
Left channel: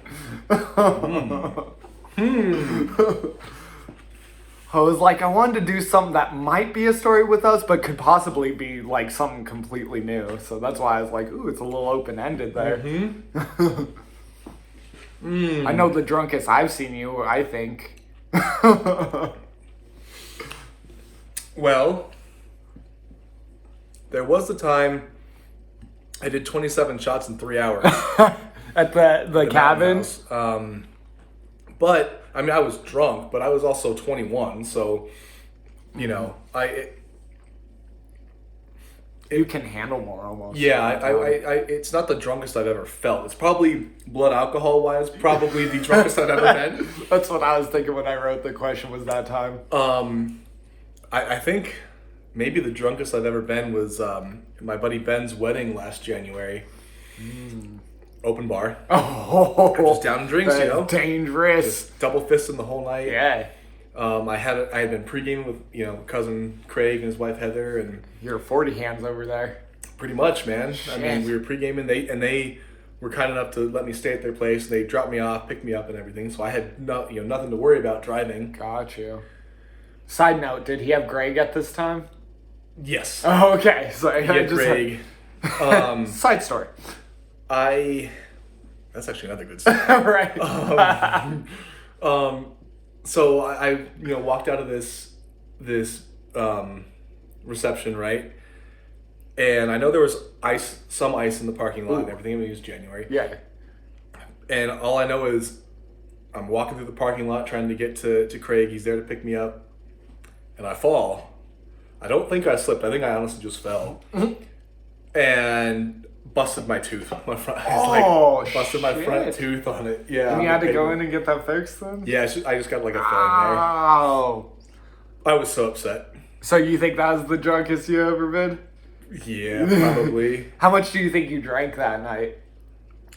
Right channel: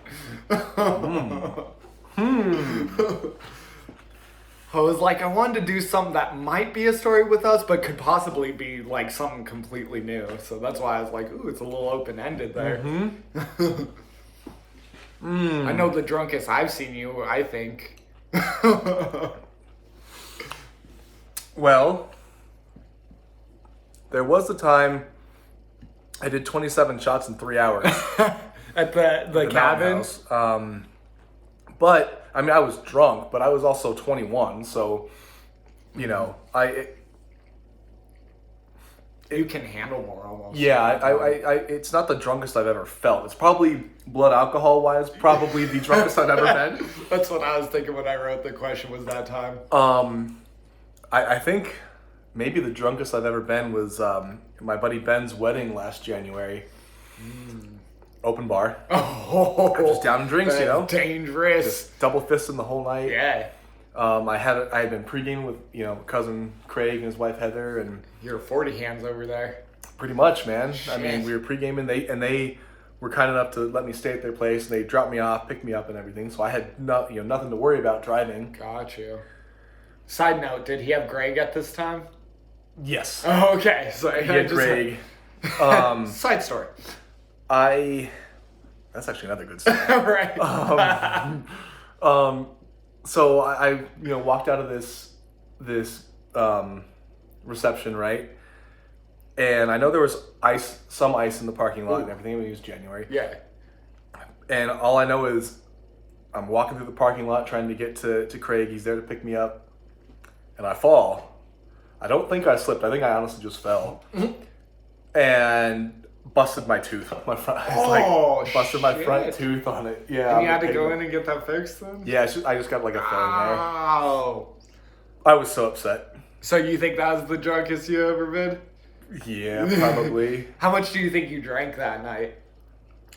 I was like, I wanted to do something that might be a story with us, but could possibly be like something completely new. So that's why I was like, ooh, it's a little open-ended there. I know the drunkest I've seen you, I think. Well, there was the time I did 27 shots in 3 hours. At the cabin? House. But, I mean, I was drunk, but I was also 21, so, you know, You can handle more almost. yeah, I it's not the drunkest I've ever felt. It's probably blood alcohol wise, probably the drunkest I've ever been. That's what I was thinking when I wrote the question was that time. I think maybe the drunkest I've ever been was my buddy Ben's wedding last January. Open bar. Oh, Just down in drinks, you know. Dangerous. Just double fisting the whole night. Yeah. I had been pre-gaming with cousin Craig and his wife Heather, and You're 40 hands over there. pretty much, man. I mean, Shit. we were pre-gaming. They were kind enough to let me stay at their place. And they dropped me off, picked me up, and everything. So I had nothing to worry about driving. Got you. Side note, did he have Greg at this time? Yes. Oh, okay. So I He had just Craig. side story. That's actually another good story. Right. So I walked out of this reception, right? And I know there was some ice in the parking lot and everything. It was January. Yeah. And all I know is I'm walking through the parking lot trying to get to Craig. He's there to pick me up. And I fall. I don't think I slipped. I think I honestly just fell. And busted my tooth. My front. Busted my front tooth on it. Yeah. And you had to go in and get that fixed then? Yeah, I just got like a filling there. Oh. I was so upset. So you think that was the drunkest you ever been? Yeah, probably. How much do you think you drank that night?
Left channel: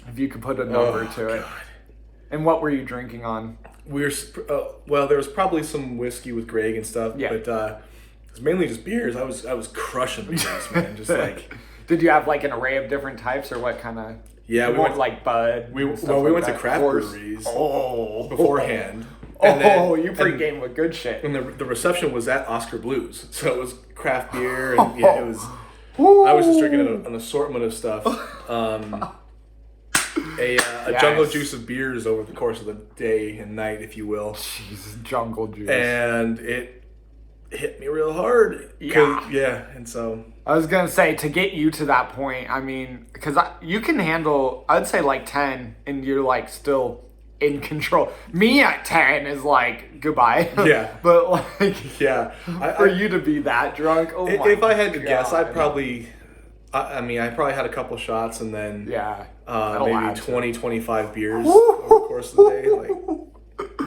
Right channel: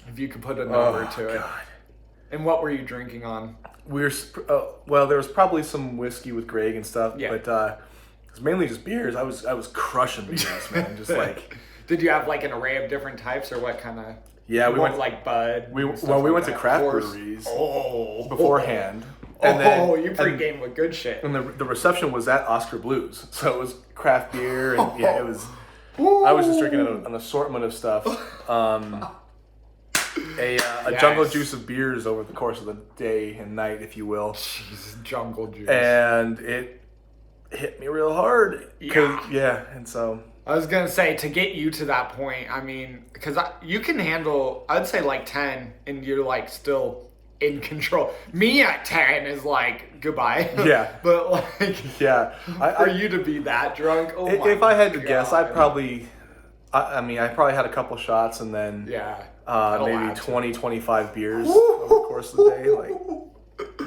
If you could put a number to it. God. And what were you drinking on? We were well. There was probably some whiskey with Greg and stuff, Yeah. but it was mainly just beers. I was crushing the beers, man. Just like Did you have like an array of different types, or what kind of? yeah, we went like Bud. we and stuff well we like went to that? craft Of course. breweries beforehand. beforehand. You pregame with good shit. And the reception was at Oscar Blues, so it was craft beer and yeah, it was. I was just drinking an assortment of stuff. A jungle juice of beers over the course of the day and night, if you will. Jesus, jungle juice. And it hit me real hard. Yeah. And so I was gonna say, to get you to that point, I mean, because you can handle, I'd say like 10, and you're like still in control. Me at 10 is like goodbye. Yeah. But like, yeah, for you to be that drunk, oh my if I had to guess, God. I probably had a couple shots and then Yeah. that'll maybe add to 20, 25 beers over the course of the day. Like,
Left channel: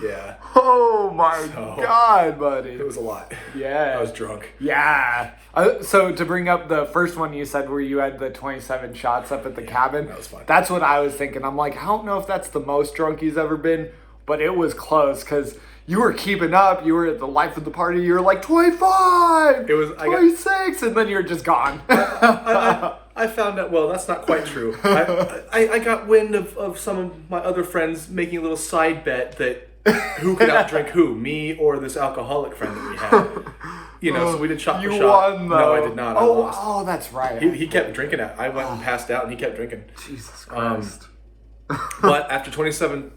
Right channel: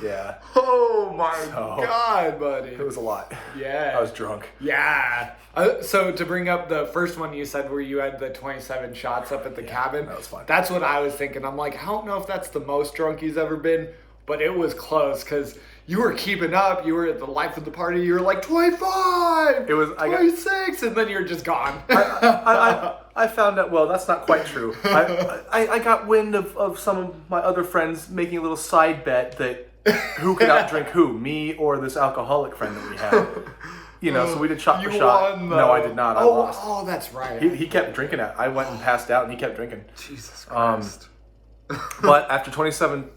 yeah, Oh my So- God, buddy. it was a lot. Yeah. I was drunk. Yeah. So to bring up the first one you said where you had the 27 shots up at the cabin. that was fun. That's what I was thinking. I'm like, I don't know if that's the most drunk he's ever been, but it was close because you were keeping up. You were at the life of the party. You were like 25. It was 26, and then you're just gone. I found out, well, that's not quite true. I got wind of some of my other friends making a little side bet that who could outdrink who, me or this alcoholic friend that we had. So we did shot for You shot. won, No, though. I did not. I lost. Oh, that's right. He kept drinking it. I went and passed out and he kept drinking. Jesus Christ. But after 27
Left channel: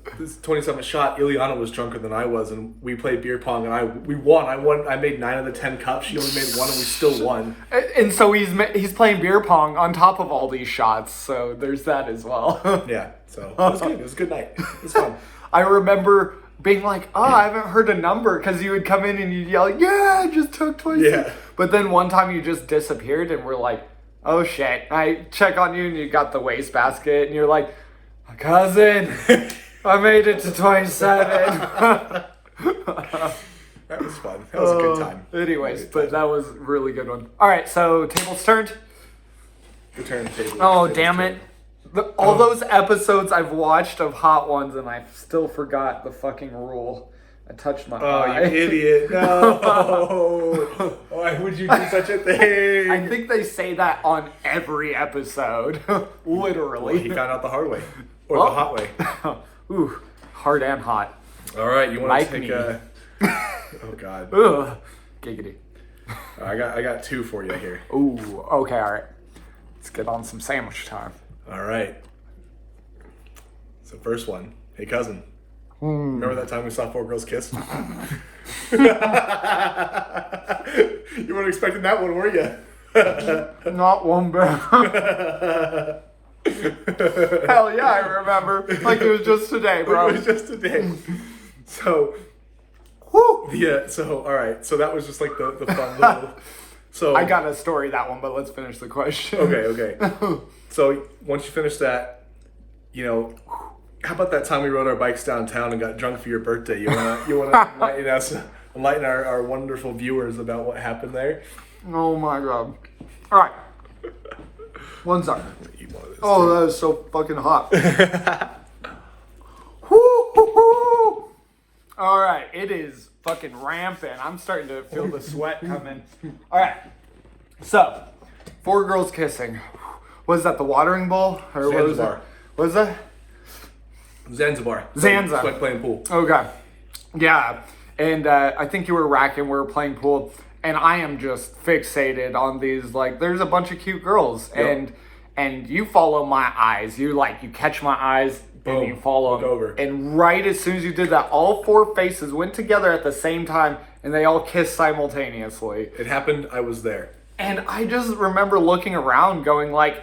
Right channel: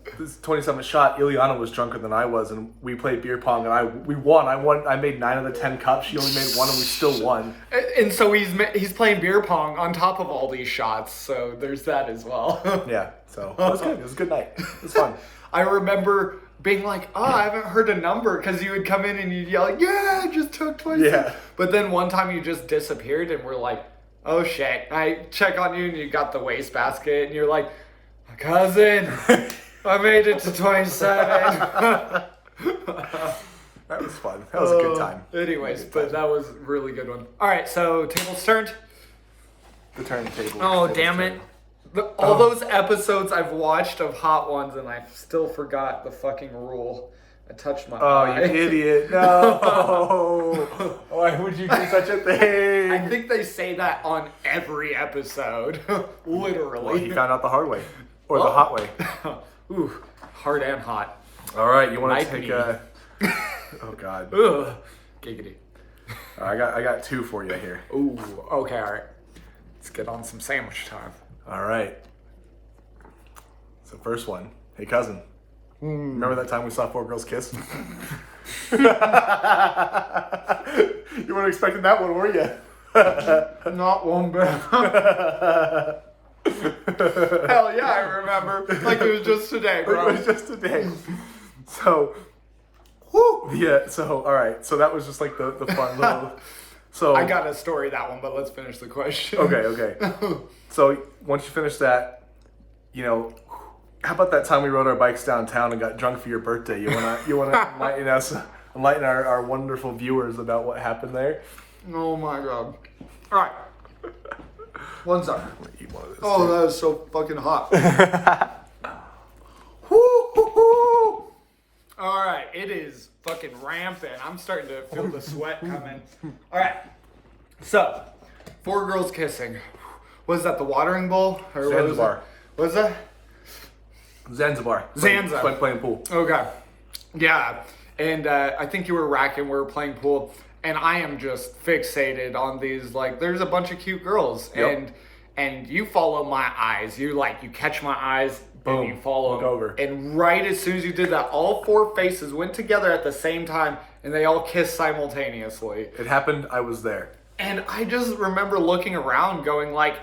shot, Ileana was drunker than I was, and we played beer pong, and we won. I made 9 of the 10 cups. She only made 1, and we still won. And so he's playing beer pong on top of all these shots. So there's that as well. Yeah, so it was good. It was a good night. It was fun. I remember being like, oh, I haven't heard a number, because you would come in and you'd yell, yeah, I just took 26. Yeah. But then one time you just disappeared, and we're like, oh shit. I check on you, and you got the wastebasket, and you're like, my cousin. I made it to 27. That was fun. That was a good time. Anyways, but that was a really good one. All right, so tables turned. The turntable. Oh, damn it. All those episodes I've watched of Hot Ones, and I still forgot the fucking rule. I touched my eye. Oh, you idiot. No. Why would you do such a thing? I think they say that on every episode. Literally. Well, he found out the hard way. Or the hot way. Ooh, hard and hot. All right, you want Like to take me. Oh, God. Ugh. Giggity. I got 2 for you here. Ooh, okay, all right. Let's get on some sandwich time. All right. So first one. Hey, cousin. Remember that time we saw 4 girls kiss? You weren't expecting that one, were you? Not one bit. Hell yeah, I remember. Like it was just today, bro. It was just today. So, whoo! Yeah, so, all right. So that was just like the fun little... So I got a story, that one, but let's finish the question. Okay. So once you finish that, you know, how about that time we rode our bikes downtown and got drunk for your birthday? You wanna enlighten our wonderful viewers about what happened there? Oh my god. All right. One second. Eat one of those. Oh, that is so fucking hot. Woo-hoo-hoo. All right, it is fucking rampant. I'm starting to feel the sweat coming. All right, so 4 girls kissing. Was that the watering bowl or Zanzibar. What was that? Zanzibar. Zanzibar. It's like playing pool. Okay, yeah, and I think you were racking. We were playing pool, and I am just fixated on these. Like, there's a bunch of cute girls, Yep. and you follow my eyes. You catch my eyes. Boom. And you follow Look them. over. And right as soon as you did that, all 4 faces went together at the same time, and they all kissed simultaneously. It happened. I was there. And I just remember looking around going like,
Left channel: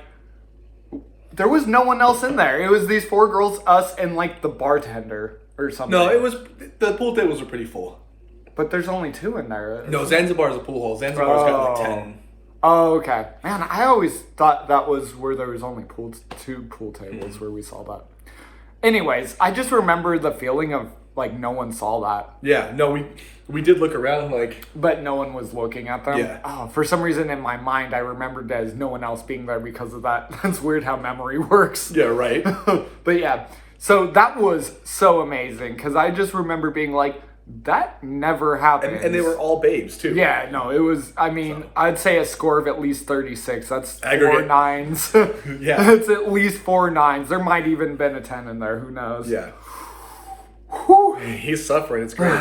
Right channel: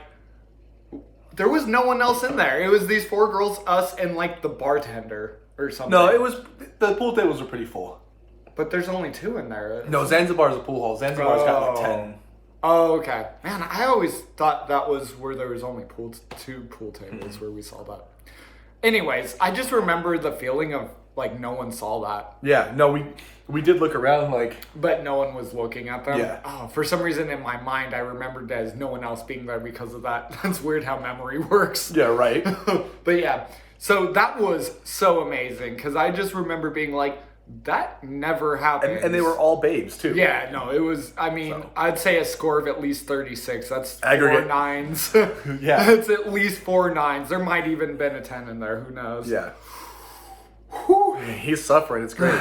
there was no one else in there. It was these 4 girls, us, and like the bartender or something. No, the pool tables were pretty full. But there's only 2 in there. No, Zanzibar's a pool hall. Zanzibar's got like 10. Oh, okay. Man, I always thought that was where there was only 2 pool tables where we saw that. Anyways, I just remember the feeling of like no one saw that. Yeah, no, we did look around like... But no one was looking at them. Yeah. Oh, for some reason in my mind, I remembered as no one else being there because of that. That's weird how memory works. Yeah, right. But yeah, so that was so amazing because I just remember being like, that never happened. And they were all babes too. Yeah, no, it was, I mean, I'd say a score of at least 36. That's Aggregate. 4 9s. Yeah. It's at least 4 9s. There might even been a 10 in there. Who knows? Yeah. Whew. He's suffering. It's great.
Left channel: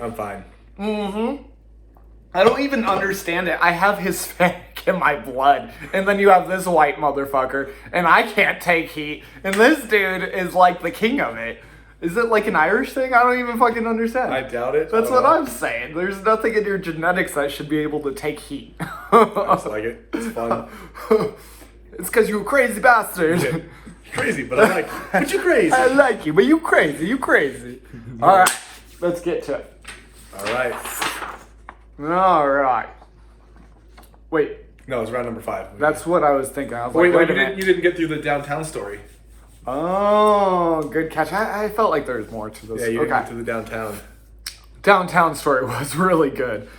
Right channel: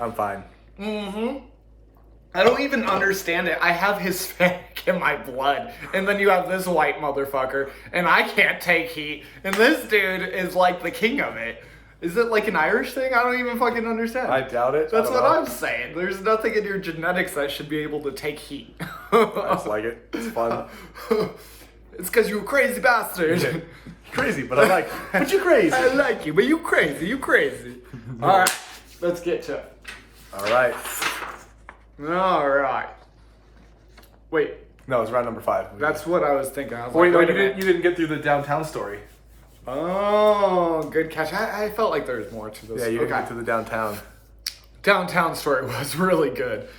I'm fine. I don't even understand it. I have Hispanic in my blood. And then you have this white motherfucker. And I can't take heat. And this dude is like the king of it. Is it like an Irish thing? I don't even fucking understand. I doubt it. That's what I'm saying. There's nothing in your genetics that should be able to take heat. I just like it. It's fun. It's because you a crazy bastard. Yeah. Crazy, but I like you. But you crazy. I like you, but you crazy. You crazy. All right, let's get to it. All right. All right. Wait, No, it's round number 5. that's what I was thinking. I was Wait, like, no, wait a you minute. didn't get through the downtown story. Oh, good catch. I felt like there was more to this. Yeah, you didn't okay. get to the downtown. Downtown story was really good.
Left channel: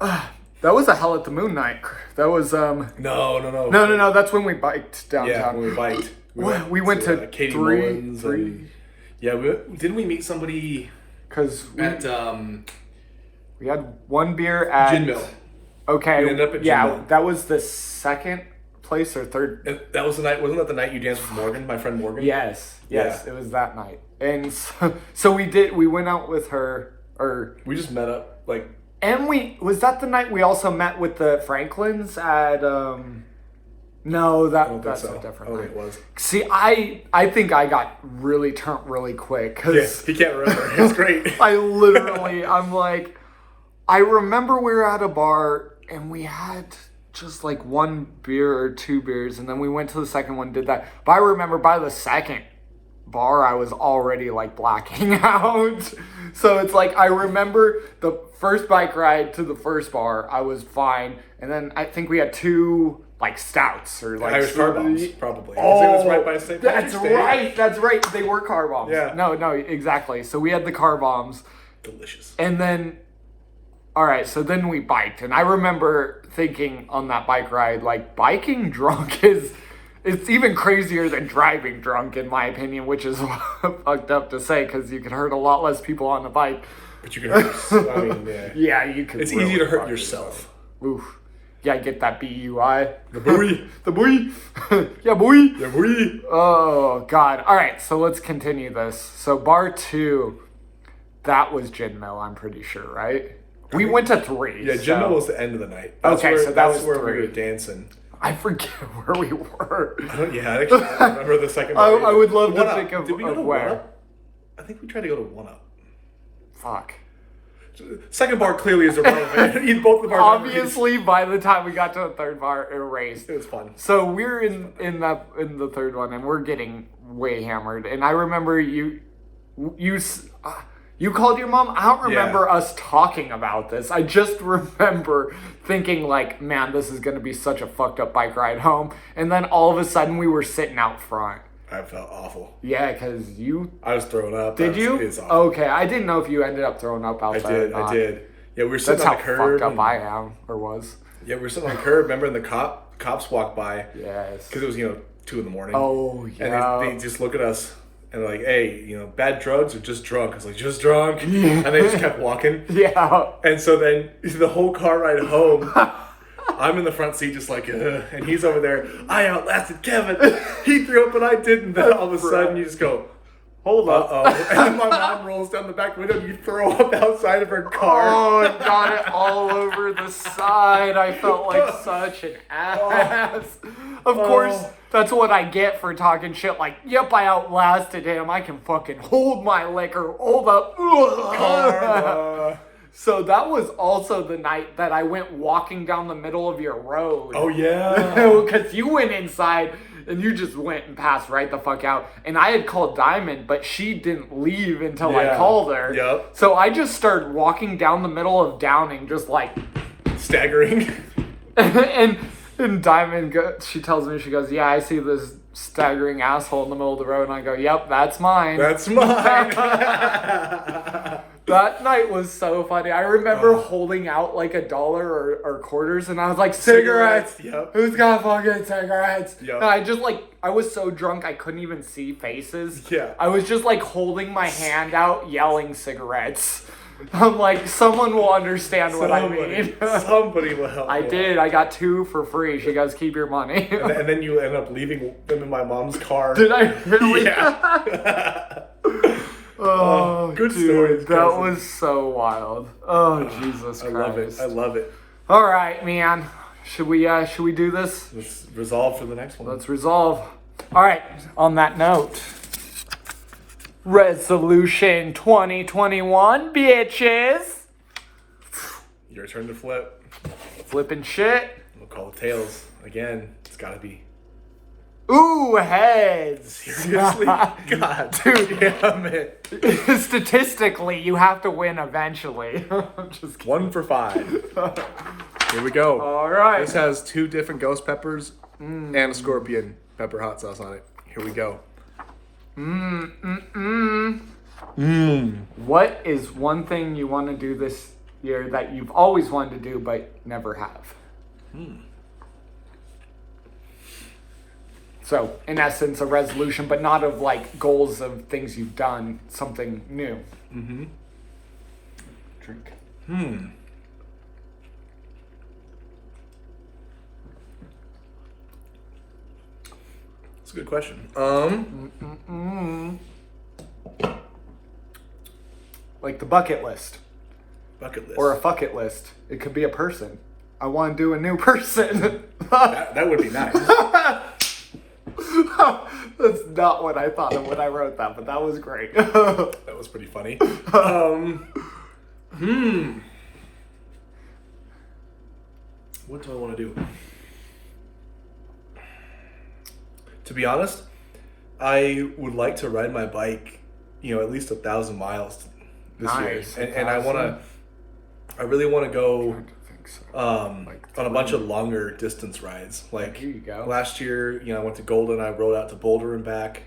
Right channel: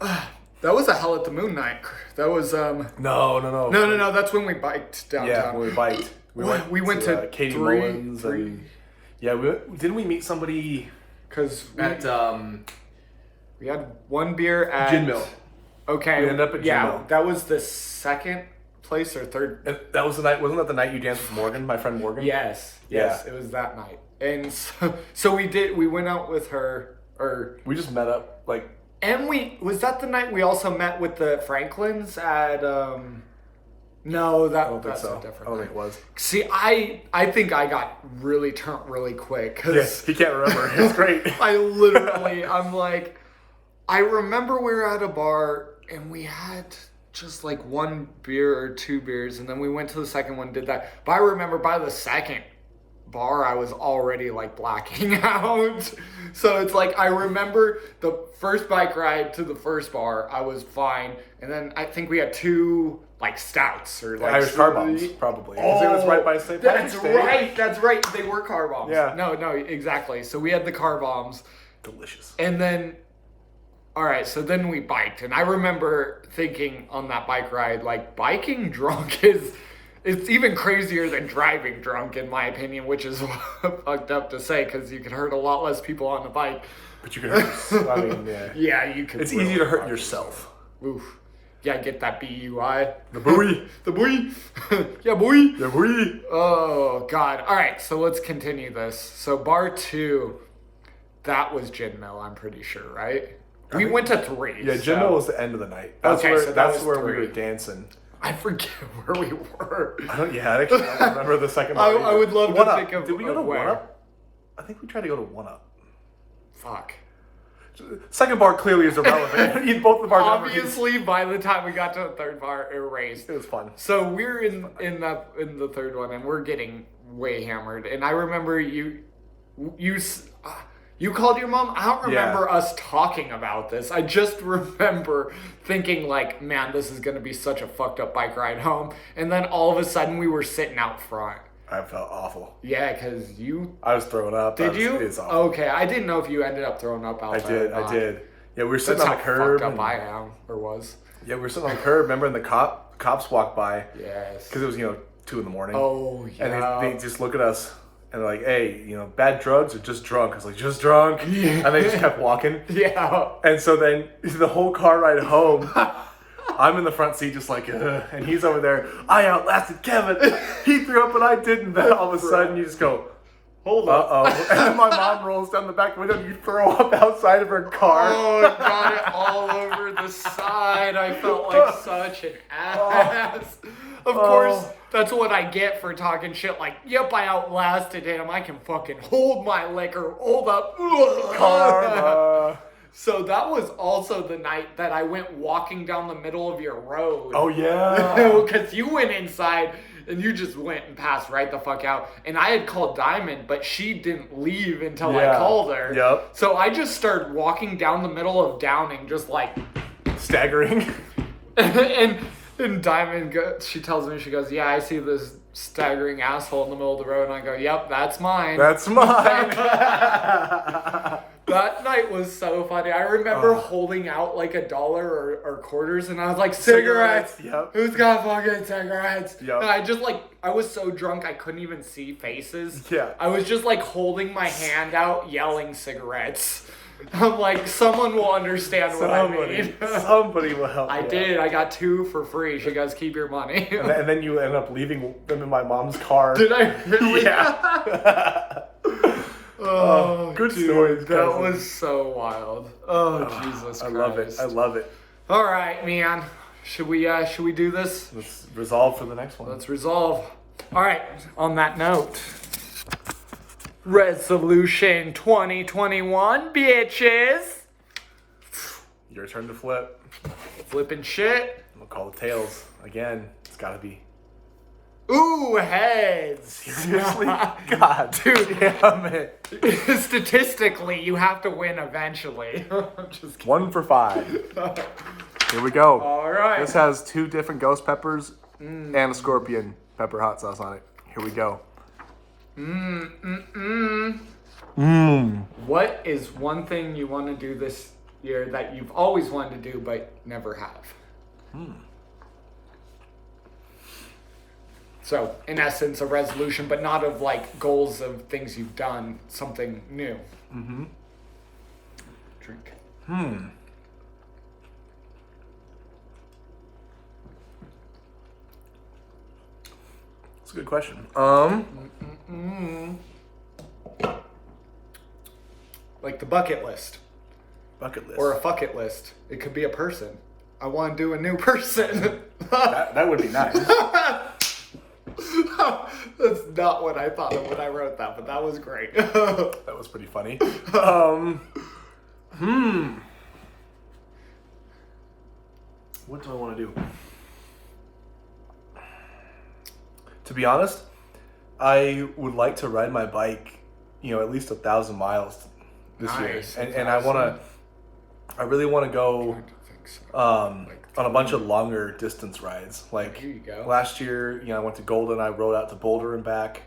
That was a Hell at the Moon night. That was No. no. That's when we biked downtown. Yeah, when we biked. We went to Katie three. Mullins and- Yeah, didn't we meet somebody Because at we had one beer at Gin Mill? Okay, We ended up at Gin yeah, Mill. that was the second place or third. That was the night. Wasn't that the night you danced with Morgan, my friend Morgan? Yes, Yeah. it was that night, and so we went out with her, We just met up like. and was that the night we also met with the Franklins at No, that's so. a different Oh, night. it was. See, I think I got really turned really quick because He can't remember. It's great. I'm like, I remember we were at a bar and we had just like 1 beer or 2 beers, and then we went to the second one, did that. But I remember by the second bar, I was already like blacking out. So it's like, I remember the first bike ride to the first bar, I was fine. And then I think we had 2 like stouts or like Irish car bombs, probably. Oh, it was right by St. Patrick's that's Day. right. That's right. They were car bombs. Yeah. No, exactly. So we had the car bombs. Delicious. And then, all right, so then we biked. And I remember thinking on that bike ride, like, biking drunk it's even crazier than driving drunk, in my opinion, which is fucked up to say because you could hurt a lot less people on the bike. But you can hurt I mean, yeah. Yeah, you could. It's really easy to hurt fuck yourself. Oof. Yeah, get that BUI. The buoy. The boy. Yeah, boy. The buoy. Oh, God. All right, so let's continue this. So bar 2, that was Gin Mill, I'm pretty sure, right? We went to 3. Yeah, Gin Mill was the end of the night. That's Okay, where, so that that's was where 3. we were dancing. I forget where we were. Yeah, I don't remember the second I bar. would love to One Up. think of, Did we go of to where. 1 Up? I think we tried to go to 1 Up. Fuck. Second bar clearly is irrelevant. Both of our Obviously, by the time we got to the third bar, erased. It was fun. So we're in the third one, and we're getting way hammered. And I remember you called your mom. I don't remember us talking about this. I just remember thinking like, man, this is gonna be such a fucked up bike ride home. And then all of a sudden, we were sitting out front. I felt awful. Yeah, because I was throwing up. Did you? It was awful. Okay, I didn't know if you ended up throwing up out there. I did. Yeah, we were sitting That's on how the curb. fucked up I am, or was. Yeah, we were sitting on the curb. Remember, and the cops walked by. Yes. Because it was 2 in the morning. Oh yeah. And they just look at us and they're like, hey, bad drugs or just drunk? I was like, just drunk. And they just kept walking. Yeah. And so then the whole car ride home, I'm in the front seat just like, ugh. And he's over there. I outlasted Kevin. He threw up and I didn't. Then all of a sudden you just go, hold up. Uh-oh. And then my mom rolls down the back window and you throw up outside of her car. Oh, I got it all over the side. I felt like such an ass. Of course, that's what I get for talking shit like, yep, I outlasted him. I can fucking hold my liquor. Hold up. Karma. So that was also the night that I went walking down the middle of your road. Oh, yeah. Because you went inside and you just went and passed right the fuck out. And I had called Diamond, but she didn't leave until I called her. Yep. So I just started walking down the middle of Downing, just like... Staggering. and Diamond, she tells me, she goes, yeah, I see this staggering asshole in the middle of the road. And I go, yep, that's mine. That's mine. That night was so funny. I remember holding out like $1 or quarters, and I was like, cigarettes. Yep. Who's got fucking cigarettes? Yep. And I just I was so drunk I couldn't even see faces. Yeah. I was just like holding my hand out, yelling cigarettes. I'm like, someone will understand what I mean. Somebody will help. I did. I got 2 for free. She goes, keep your money. And then you end up leaving them in my mom's car. Did I really? Yeah. Oh, good dude, stories. that cousin. was so wild. Oh, Jesus Christ. I love it. I love it. All right, man. Should we do this? Let's resolve for the next one. Let's resolve. All right. On that note, resolution 2021, bitches. Your turn to flip. Flipping shit. We'll call the tails again. It's got to be. Ooh, heads. Seriously? God, dude, damn it. Statistically, you have to win eventually. I'm just kidding. 1 for 5. Here we go. All right. This has 2 different ghost peppers and a scorpion pepper hot sauce on it. Here we go. What is one thing you want to do this year that you've always wanted to do but never have? So, in essence, a resolution, but not of like goals of things you've done, something new. Mm-hmm. Drink. That's a good question. Like the bucket list. Bucket list. Or a fuck it list. It could be a person. I want to do a new person. that would be nice. That's not what I thought of when I wrote that, but that was great. That was pretty funny. What do I want to do? To be honest, I would like to ride my bike, at least 1,000 miles this year. Nice, And I really want to go think so. On a bunch of longer distance rides. Like There you go. last year, I went to Golden. I rode out to Boulder and back.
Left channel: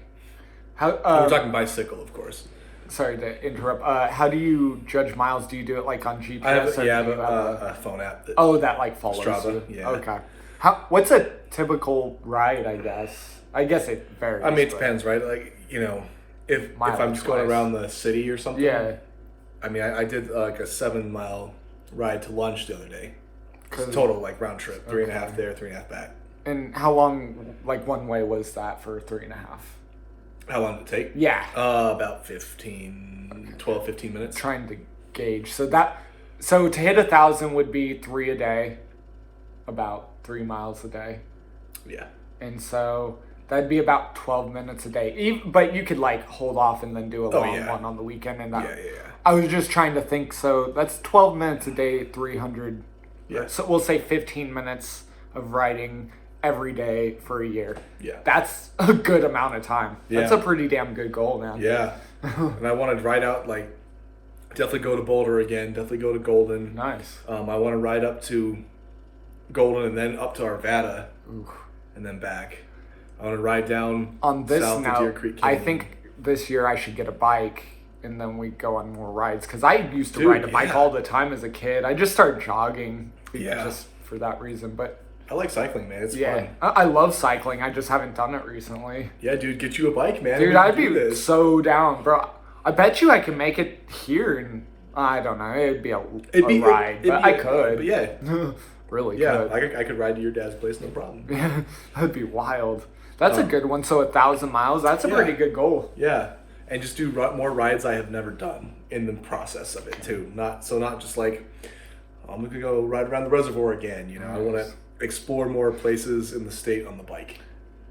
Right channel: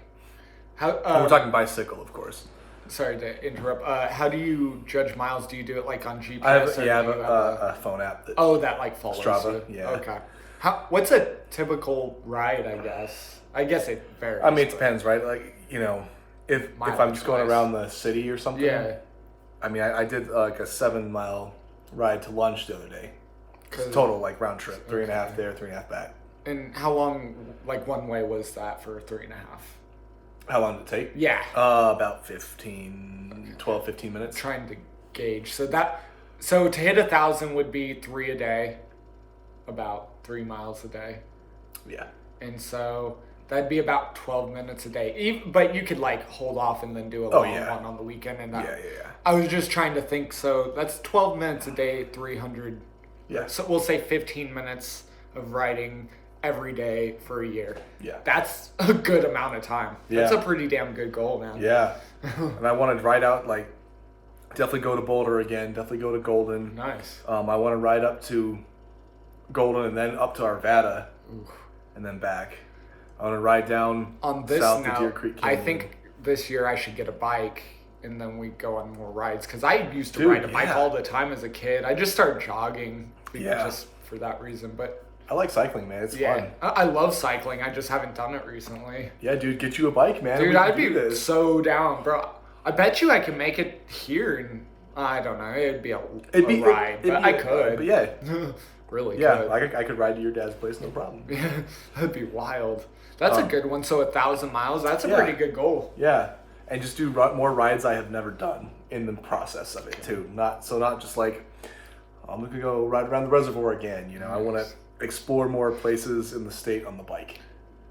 How? We're talking bicycle, of course. Sorry to interrupt. How do you judge miles? Do you do it like on GPS? I have, or yeah, I do have you a phone app. That, that like follows Strava, you. yeah. Okay. What's a typical ride? I guess it varies. I mean, it but- depends, right? Like if I'm Mileage just going wise. around the city or something. Yeah. I mean, I did like a 7-mile ride to lunch the other day. Cause- Total like round trip, 3.5 there, 3.5 back. And how long, like one way, was that for 3.5? How long did it take? Yeah. About 12, 15 minutes. Trying to gauge. So to hit 1,000 would be 3 a day, about 3 miles a day. Yeah. And so that'd be about 12 minutes a day. But you could like hold off and then do a long yeah. one on the weekend. And that, Yeah. I was just trying to think. So that's 12 minutes a day, 300. Yeah. So we'll say 15 minutes of riding every day for a year. Yeah. That's a good amount of time. Yeah. That's a pretty damn good goal, man. Yeah. And I want to ride out, like, definitely go to Boulder again, definitely go to Golden. Nice. I want to ride up to Golden and then up to Arvada and then back. I want to ride down On this south to Deer note, Creek I Canyon. think this year I should get a bike and then we go on more rides. Because I used to Dude, ride a bike yeah. all the time as a kid. I just started jogging Yeah. just for that reason. But I like cycling, man. It's yeah, fun. I love cycling. I just haven't done it recently. Yeah, dude, get you a bike, man. Dude, We I'd can be do this. so down, bro. I bet you I can make it here, and I don't know. It'd be a ride, but I could. But yeah, Really yeah, could. I could ride to your dad's place, no problem. That'd be wild. That's a good one. So 1,000 miles. That's a pretty good goal. Yeah, and just do more rides I have never done in the process of it too. Not just like I'm gonna go ride around the reservoir again. I want to explore more places in the state on the bike.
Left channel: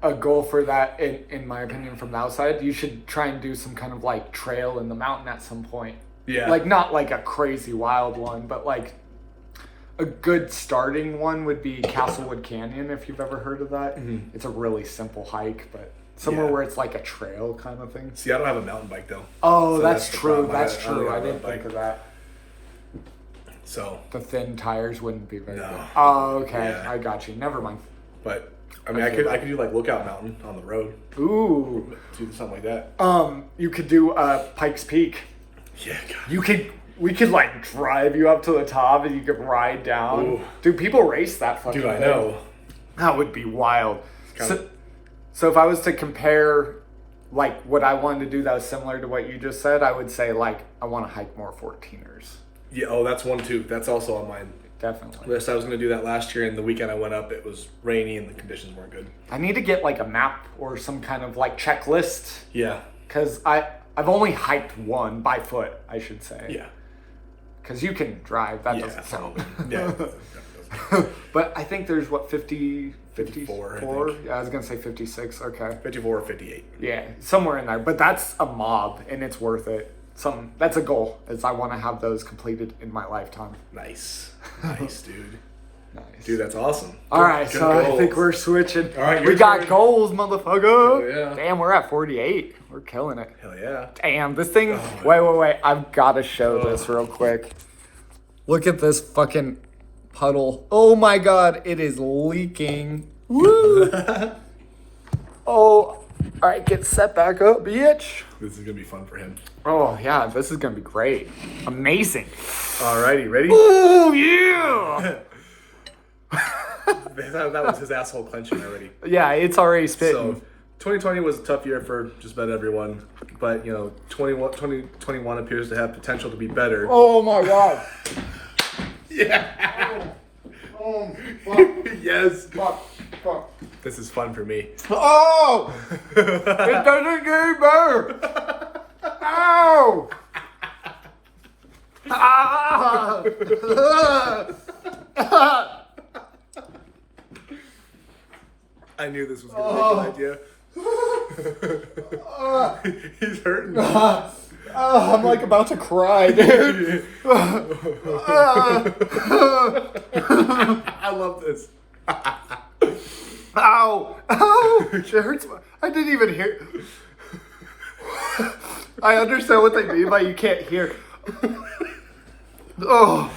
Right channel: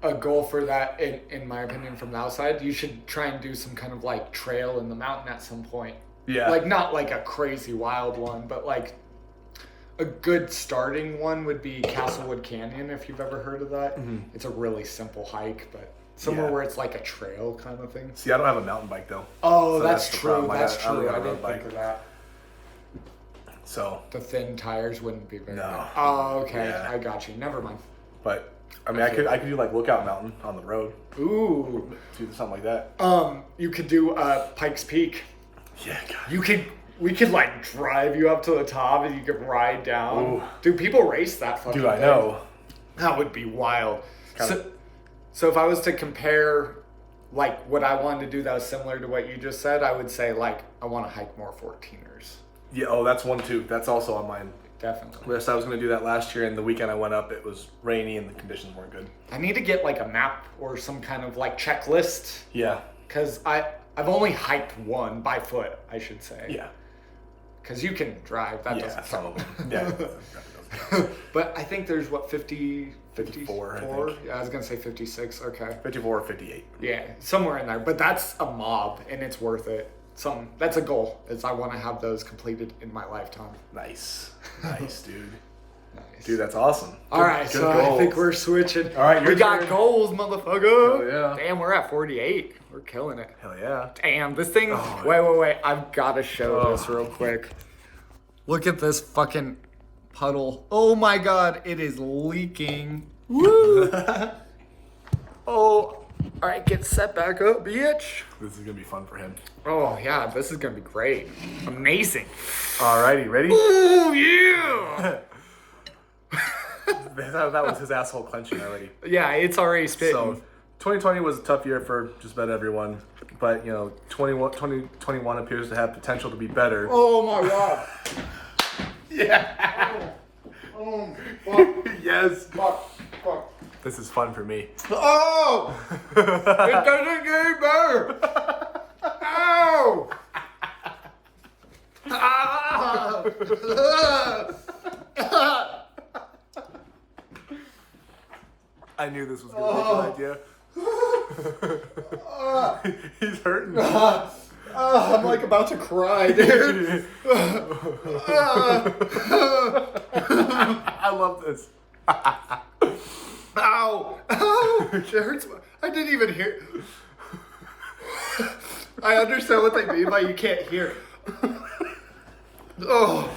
A goal for that, in my opinion, from the outside, you should try and do some kind of like trail in the mountain at some point. Yeah, Like not like a crazy wild one, but like a good starting one would be Castlewood Canyon, if you've ever heard of that. Mm-hmm. It's a really simple hike, but somewhere Yeah. where it's like a trail kind of thing. See, I don't have a mountain bike though. Oh, So that's the true. problem. That's I don't true. have I a didn't road think bike. of that. So, The thin tires wouldn't be very No. good. Oh, okay. Yeah. I got you. Never mind. but I mean, I could do like Lookout Mountain on the road, Ooh. do something like that. You could do Pikes Peak. Yeah, God. We could like drive you up to the top and you could ride down. Ooh. Dude, people race that fucking Dude, I thing. know. That would be wild. kinda- So if I was to compare like what I wanted to do that was similar to what you just said, I would say like I want to hike more 14ers. Yeah. Oh, that's one too. That's also on my Definitely. list. I was gonna do that last year, and the weekend I went up, it was rainy and the conditions weren't good. I need to get like a map or some kind of like checklist Yeah. because I've only hiked one by foot, I should say. Yeah. Because you can drive, that Yeah. doesn't count. Yeah. But I think there's what 54? 54, I think. Yeah, I was gonna say 56. Okay. 54 or 58. Yeah, somewhere in there. But that's a mob, and it's worth it. That's a goal. Is I want to have those completed in my lifetime. Nice. Nice, dude. Nice. Dude, that's awesome. All right, so I think we're switching. All right, we your got turn. goals, motherfucker. Hell yeah. Damn, we're at 48. We're killing it. Hell yeah. Damn, this thing. Oh. Wait. I've got to show this real quick. Look at this fucking puddle. Oh my god, it is leaking. Woo! Oh, all right, get set back up, bitch. This is gonna be fun for him. Oh yeah, this is gonna be great. Amazing. Alrighty, ready? Oh yeah. that was his asshole clenching already. Yeah, it's already spitting. So, 2020 was a tough year for just about everyone, but 2021 appears to have potential to be better. Oh my god. Yeah. Oh, fuck, Yes. fuck. This is fun for me. Oh! It doesn't get any better. Ow! Ah! I knew this was gonna be a good idea. He's hurting. I'm like about to cry, dude. I love this. Ow! Ow! It hurts. I didn't even hear. I understand what they mean by you can't hear. Oh.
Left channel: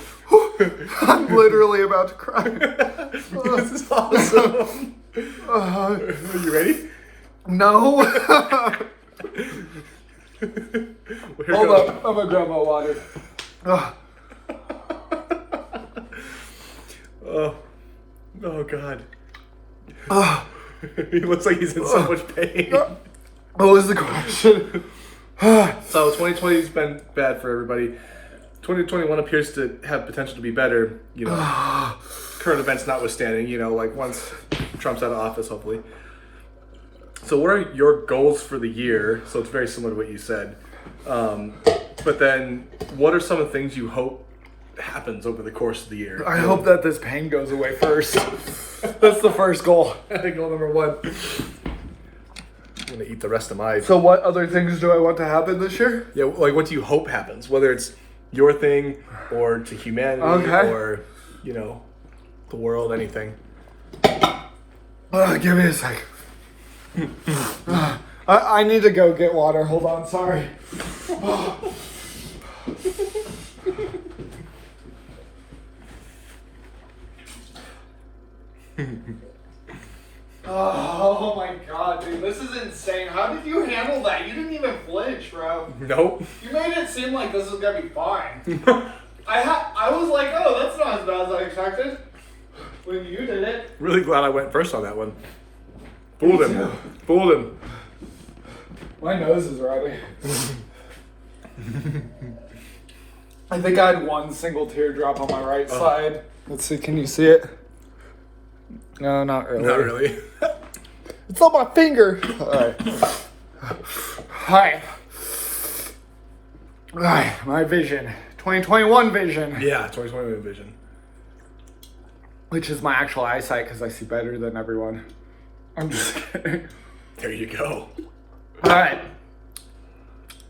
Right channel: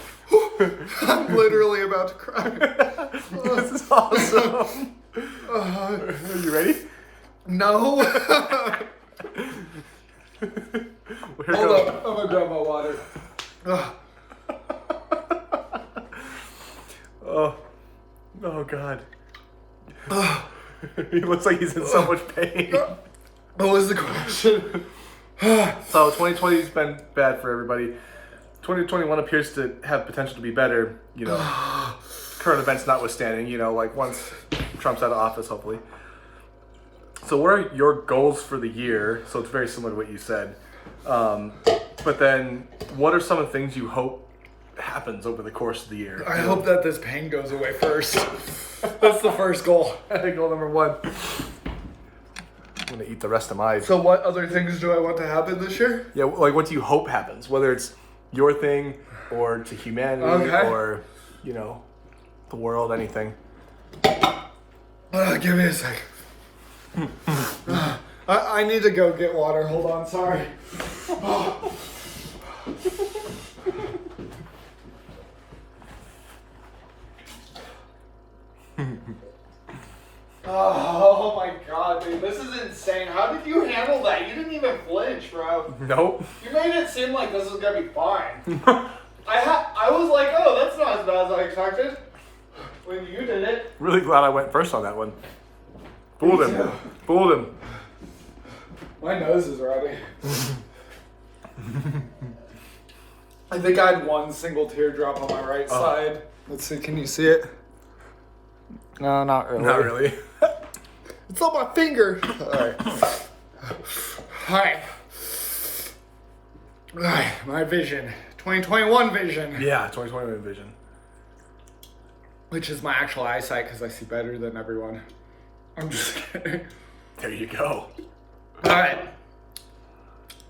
I'm literally about to cry. This is awesome. Are you ready? No. Hold up. I'm gonna grab my water. Oh God. He looks like he's in so much pain. What was the question? So 2020's been bad for everybody. 2021 appears to have potential to be better, current events notwithstanding, like once Trump's out of office, hopefully. So what are your goals for the year? So it's very similar to what you said. But then what are some of the things you hope happens over the course of the year? I hope that this pain goes away first. That's the first goal. Goal number 1. I'm gonna eat the rest of my... So what other things do I want to happen this year? Yeah, like what do you hope happens? Whether it's your thing or to humanity or, the world, anything. Give me a sec. I need to go get water. Hold on, sorry. Oh my god, dude, this is insane. How did you handle that? You didn't even flinch, bro. Nope. You made it seem like this was gonna be fine. I was like, oh, that's not as bad as I expected. When you did it. Really glad I went first on that one. Fooled him. Fooled him. My nose is ready. I think I had one single teardrop on my right side. Let's see, can you see it? No, not really. Not really. It's on my finger. Alright. Alright, my vision. 2021 vision. Yeah, 2021 vision. Which is my actual eyesight because I see better than everyone. I'm just kidding. There you go. Alright.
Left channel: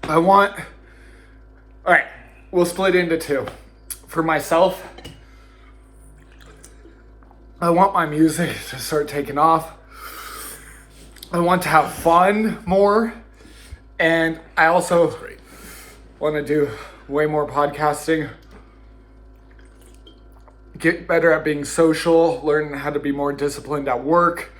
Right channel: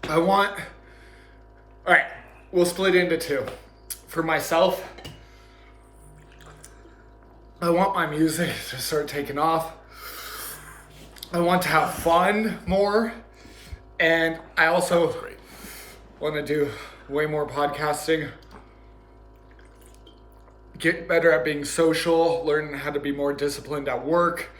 Alright, we'll split into 2. For myself, I want my music to start taking off. I want to have fun more. And I also want to do way more podcasting. Get better at being social. Learn how to be more disciplined at work.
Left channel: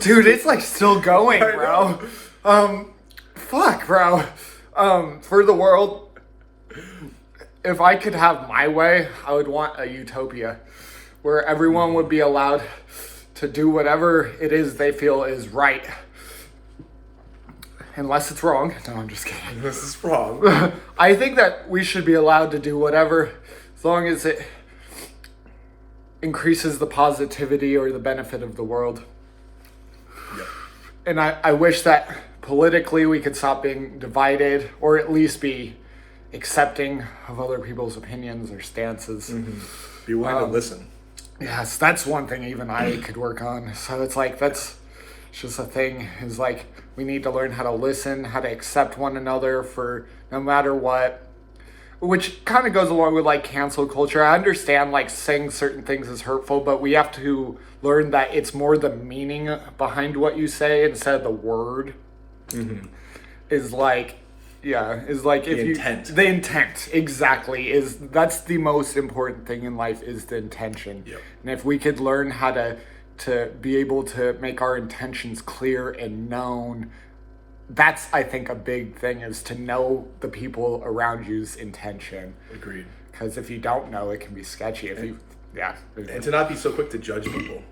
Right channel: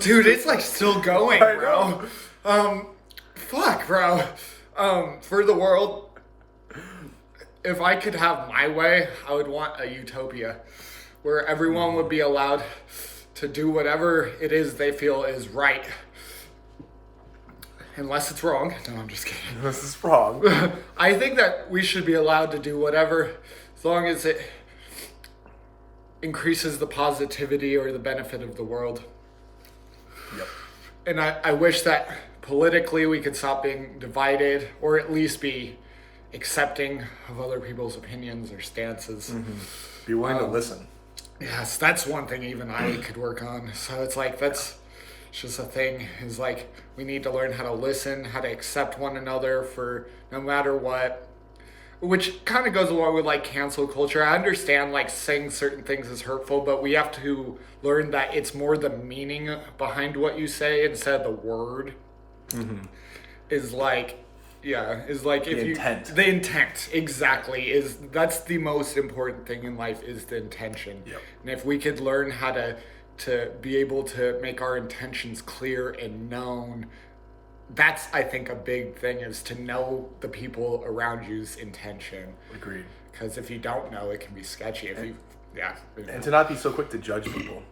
Dude, it's like still going, bro. Fuck, bro. For the world, if I could have my way, I would want a utopia where everyone would be allowed to do whatever it is they feel is right. Unless it's wrong. No, I'm just kidding. This is wrong. I think that we should be allowed to do whatever as long as it increases the positivity or the benefit of the world. Yep. And I wish that politically we could stop being divided or at least be accepting of other people's opinions or stances. Mm-hmm. Be willing to listen. Yes, that's one thing even I could work on. So it's like, that's just a thing, is like, we need to learn how to listen, how to accept one another for no matter what. Which kind of goes along with like cancel culture. I understand like saying certain things is hurtful, but we have to learn that it's more the meaning behind what you say instead of the word. Mm-hmm. Is like, yeah, is like if you intent. The intent exactly that's the most important thing in life is the intention. Yep. And if we could learn how to be able to make our intentions clear and known, that's, I think, a big thing, is to know the people around you's intention. Agreed. Because if you don't know, it can be sketchy. And to not be so quick to judge people.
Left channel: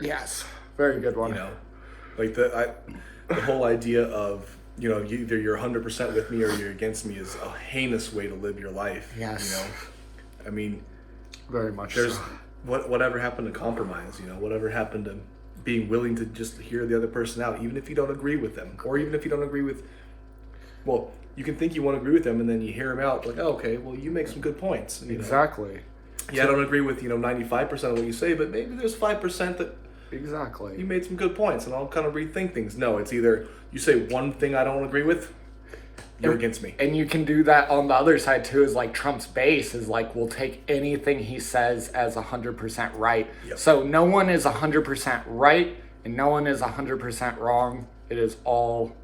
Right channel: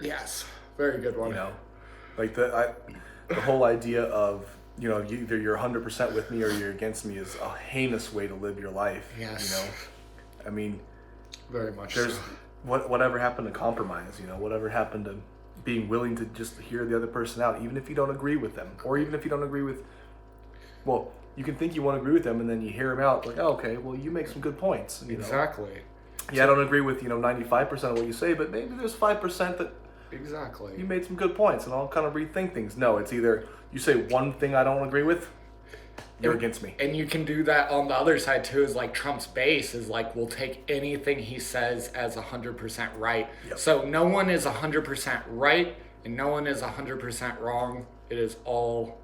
Yes, very good one. Like the whole idea of, either you're 100% with me or you're against me is a heinous way to live your life. Yes. I mean, very much. There's whatever happened to compromise. Whatever happened to being willing to just hear the other person out, even if you don't agree with them, or even if you don't agree with. Well, you can think you won't agree with them, and then you hear them out, like, oh, okay, well, you make some good points. Exactly. Yeah, I don't agree with 95% of what you say, but maybe there's 5% that. Exactly. You made some good points, and I'll kind of rethink things. No, it's either you say one thing I don't agree with, you're against me. And you can do that on the other side too, is like Trump's base is like, we'll take anything he says as 100% right. Yep. So no one is 100% right and no one is 100% wrong. It is all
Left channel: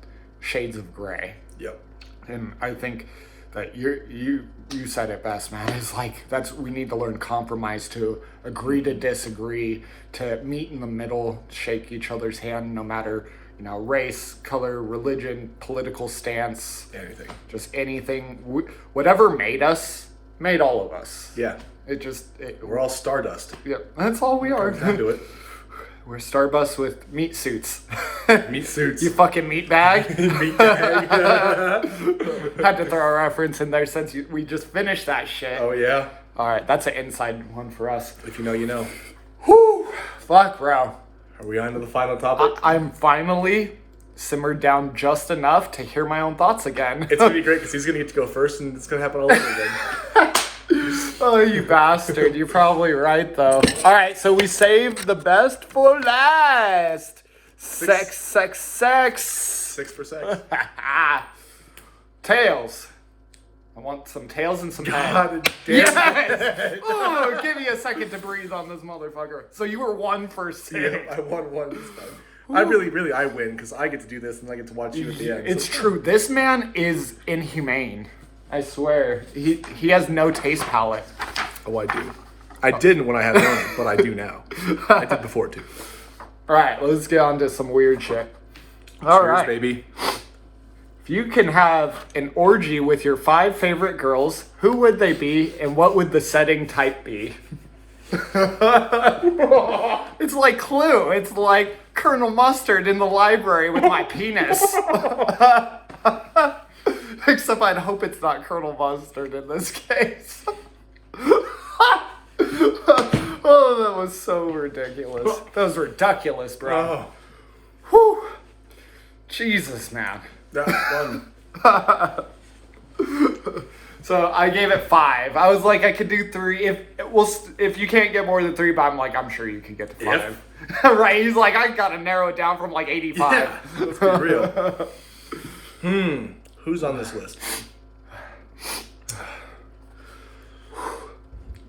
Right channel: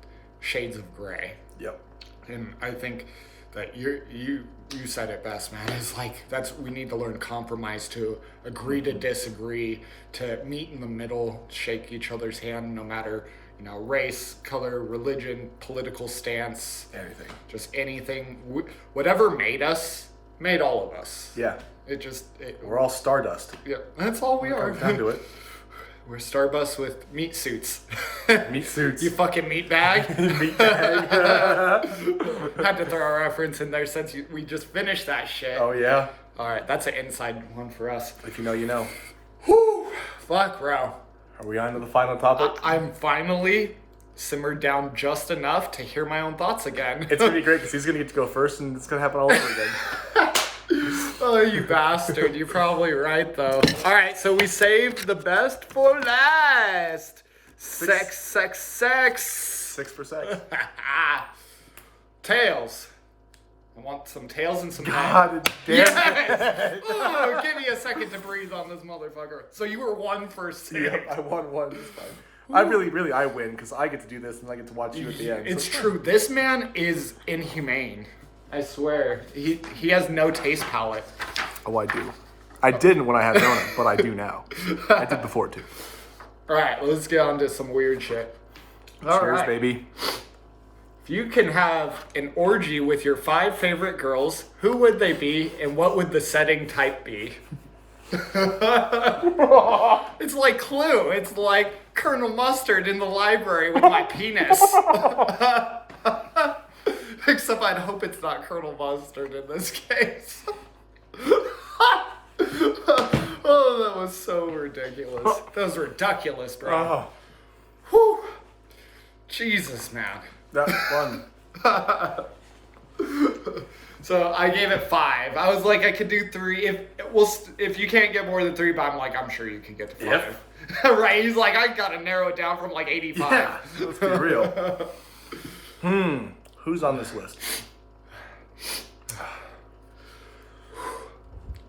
shades of gray. Yep. And I think that you said it best, man. It's like we need to learn compromise, to agree to disagree, to meet in the middle, shake each other's hand, no matter race, color, religion, political stance, Anything. just anything. Whatever made us, made all of us. Yeah. We're all stardust. Yep, that's all we are. Down to it. We're Starbus with meat suits. Meat suits. You fucking meat bag. Meat bag. Had to throw a reference in there since we just finished that shit. Oh yeah. All right, that's an inside one for us. If you know, you know. Whew. Fuck, bro. Are we on to the final topic? I'm finally simmered down just enough to hear my own thoughts again. It's gonna be great because he's gonna get to go first, and it's gonna happen all over again. Oh, you bastard. You're probably right, though. All right, so we saved the best for last. Sex. 6 for sex. Tails. I want some tails and some head. God damn. Yes! Ooh, give me a second to breathe on this motherfucker. So you were 1 for 6. Yeah, I won one this time. I really, I win because I get to do this and I get to watch you at the end. It's true. This man is inhumane. I swear. He has no taste palate. Oh, I do. I didn't when I had known it, but I do now. I did before too. All right, let's get on to some weird shit. All Cheers, right, baby. If you can have an orgy with your 5 favorite girls, who would they be and what would the setting type be? It's like Clue. It's like Colonel Mustard in the library with my penis. Except I'd hope it's not Colonel Mustard in this case. Oh, that was so ridiculous. That was ridiculous, bro. Oh, Whew. Jesus, man. that was fun. So I gave it 5. I was like, I could do 3 if you can't get more than 3, but I'm like, I'm sure you can get to 5. Right? He's like, I gotta narrow it down from like 85. Let's be real. Who's on this list?